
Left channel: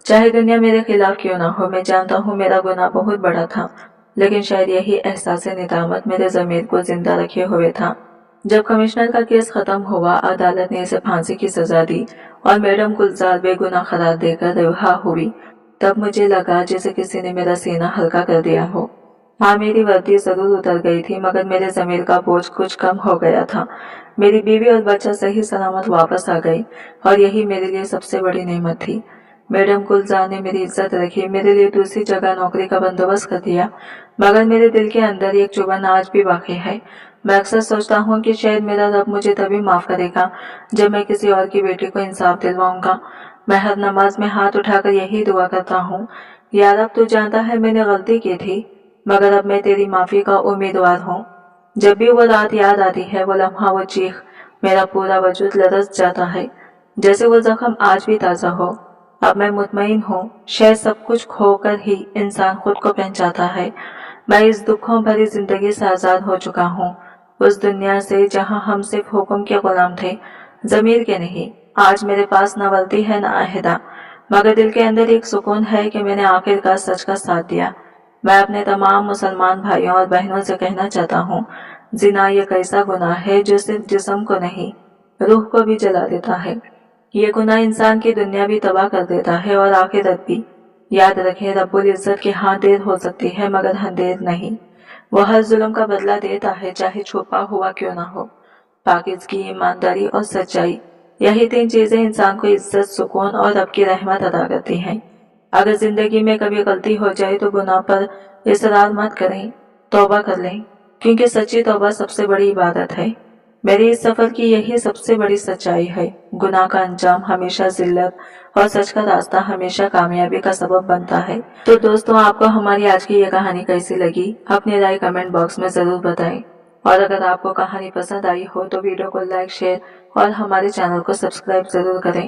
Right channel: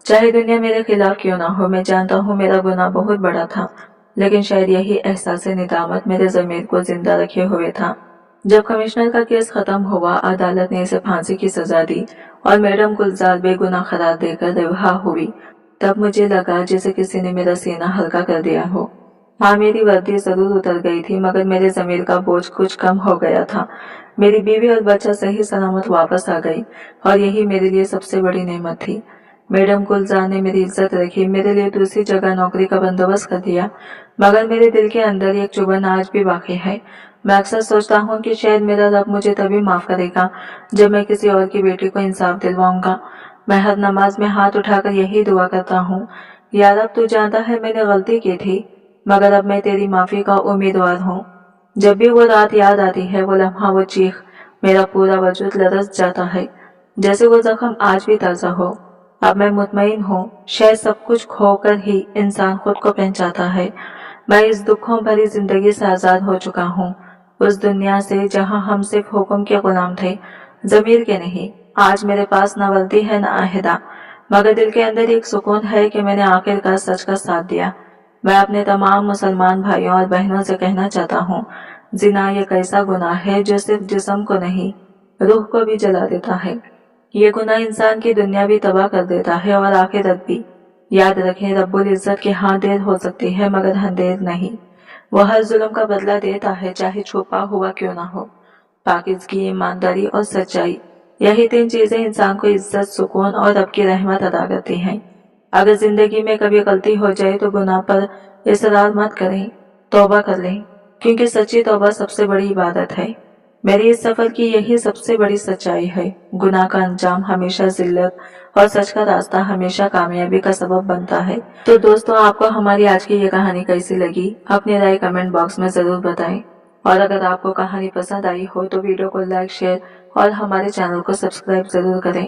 चाहे दुनिया मेरे खिलाफ क्यों ना हो। मैं जानता हूँ मेरा गुनाह बहुत बड़ा था, लेकिन शायद यही एहसास निदामत मेरे ज़मीर को जिंदा रखे हुए था। जब कमिश्नर का केस खत्म हुआ, अदालत ने इसे फांसी की सजा दी और मैडम गुलजार बेगुनाह करार देकर रिहा हुई, तब मुझे लगा जैसे किसी ने मेरा सीना हल्का कर दिया हो। हाँ, मेरी वर्दी जरूर उतर गई थी, मगर मेरे ज़मीर का बोझ कुछ कम हो गया था। मेरी बीवी और बच्चा सही सलामत वापस आ गई और यही मेरे लिए सबसे बड़ी नेमत थी। मैडम गुलजार ने मेरी इज्जत रखी, मेरे लिए दूसरी जगह नौकरी का बंदोबस्त कर दिया, मगर मेरे दिल के अंदर एक चुभन आज भी बाकी है। मैं अक्सर सोचता हूँ कि शायद मेरा रब मुझे तभी माफ करेगा जब मैं किसी और की बेटी को इंसाफ दिलवाऊंगा। मैं हर नमाज में हाथ उठाकर यही दुआ करता हूँ, या रब तू जानता है मैंने गलती की थी, मगर अब मैं तेरी माफी का उम्मीदवार हूँ। जब भी वो रात याद आती है, वो लम्हा, वो चीख, मेरा पूरा वजूद लरस जाता है, जैसे वो जख्म आज भी ताज़ा हो। अब मैं मुतमईन हूँ, शायद सब कुछ खोकर ही इंसान खुद को पहचानता है। मैं इस दुखों भरी जिंदगी से आज़ाद हो चुका हूँ, उस दुनिया से जहाँ हम सिर्फ हुक्म के गुलाम थे, ज़मीर के नहीं। आज मेरे पास न वर्दी है न आहदा, मगर दिल के अंदर एक सुकून है कि मैंने आखिरकार सच का साथ दिया। मैं अपने तमाम मुसलमान भाइयों और बहनों से कहना चाहता हूँ, जिना ये कैसा गुनाह है जो सिर्फ जिस्म को नहीं, रूह को भी जला देता है। ये गुनाह इंसान की दुनिया भी तबाह कर देता है और आखिरत भी। याद रखें, रब्बुल इज्जत के हाथ देर हो सकती है मगर अंधेर नहीं। वो हर जुल्म का बदला देता है, चाहे छुपा हुआ क्यों ना हो। पाकिज़गी, ईमानदारी और सच्चाई, यही 3 चीजें इंसान को इज्जत, सुकून और रब की रहमत अदा करती हैं। अगर जिंदगी में कभी गलती हो जाए तो गुनाह पर इसरार मत करें, तौबा कर लें, क्योंकि सच्ची तौबा सबसे बड़ी इबादत है। मेरे इस सफर की यही सबसे बड़ी सच्चाई है। गुनाह का अंजाम हमेशा जिल्लत और सच का रास्ता हमेशा कामयाबी का सबब बनता है। तो दोस्तों, आपको हमारी आज की ये कहानी कैसी लगी? अपनी राय कमेंट बॉक्स में जरूर बताएं। और अगर आपको कहानी पसंद आई हो तो वीडियो को लाइक, शेयर और हमारे चैनल को सब्सक्राइब जरूर करें,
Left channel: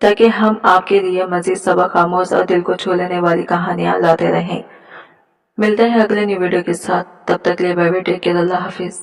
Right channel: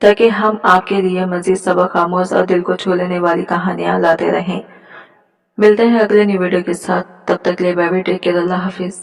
ताकि हम आपके लिए मजीद सबक आमोज और दिल को छू लेने वाली कहानियां लाते रहें। मिलते हैं अगले न्यू वीडियो के साथ। तब तक ले बाय बाय, टेक केयर, अल्लाह हाफिज।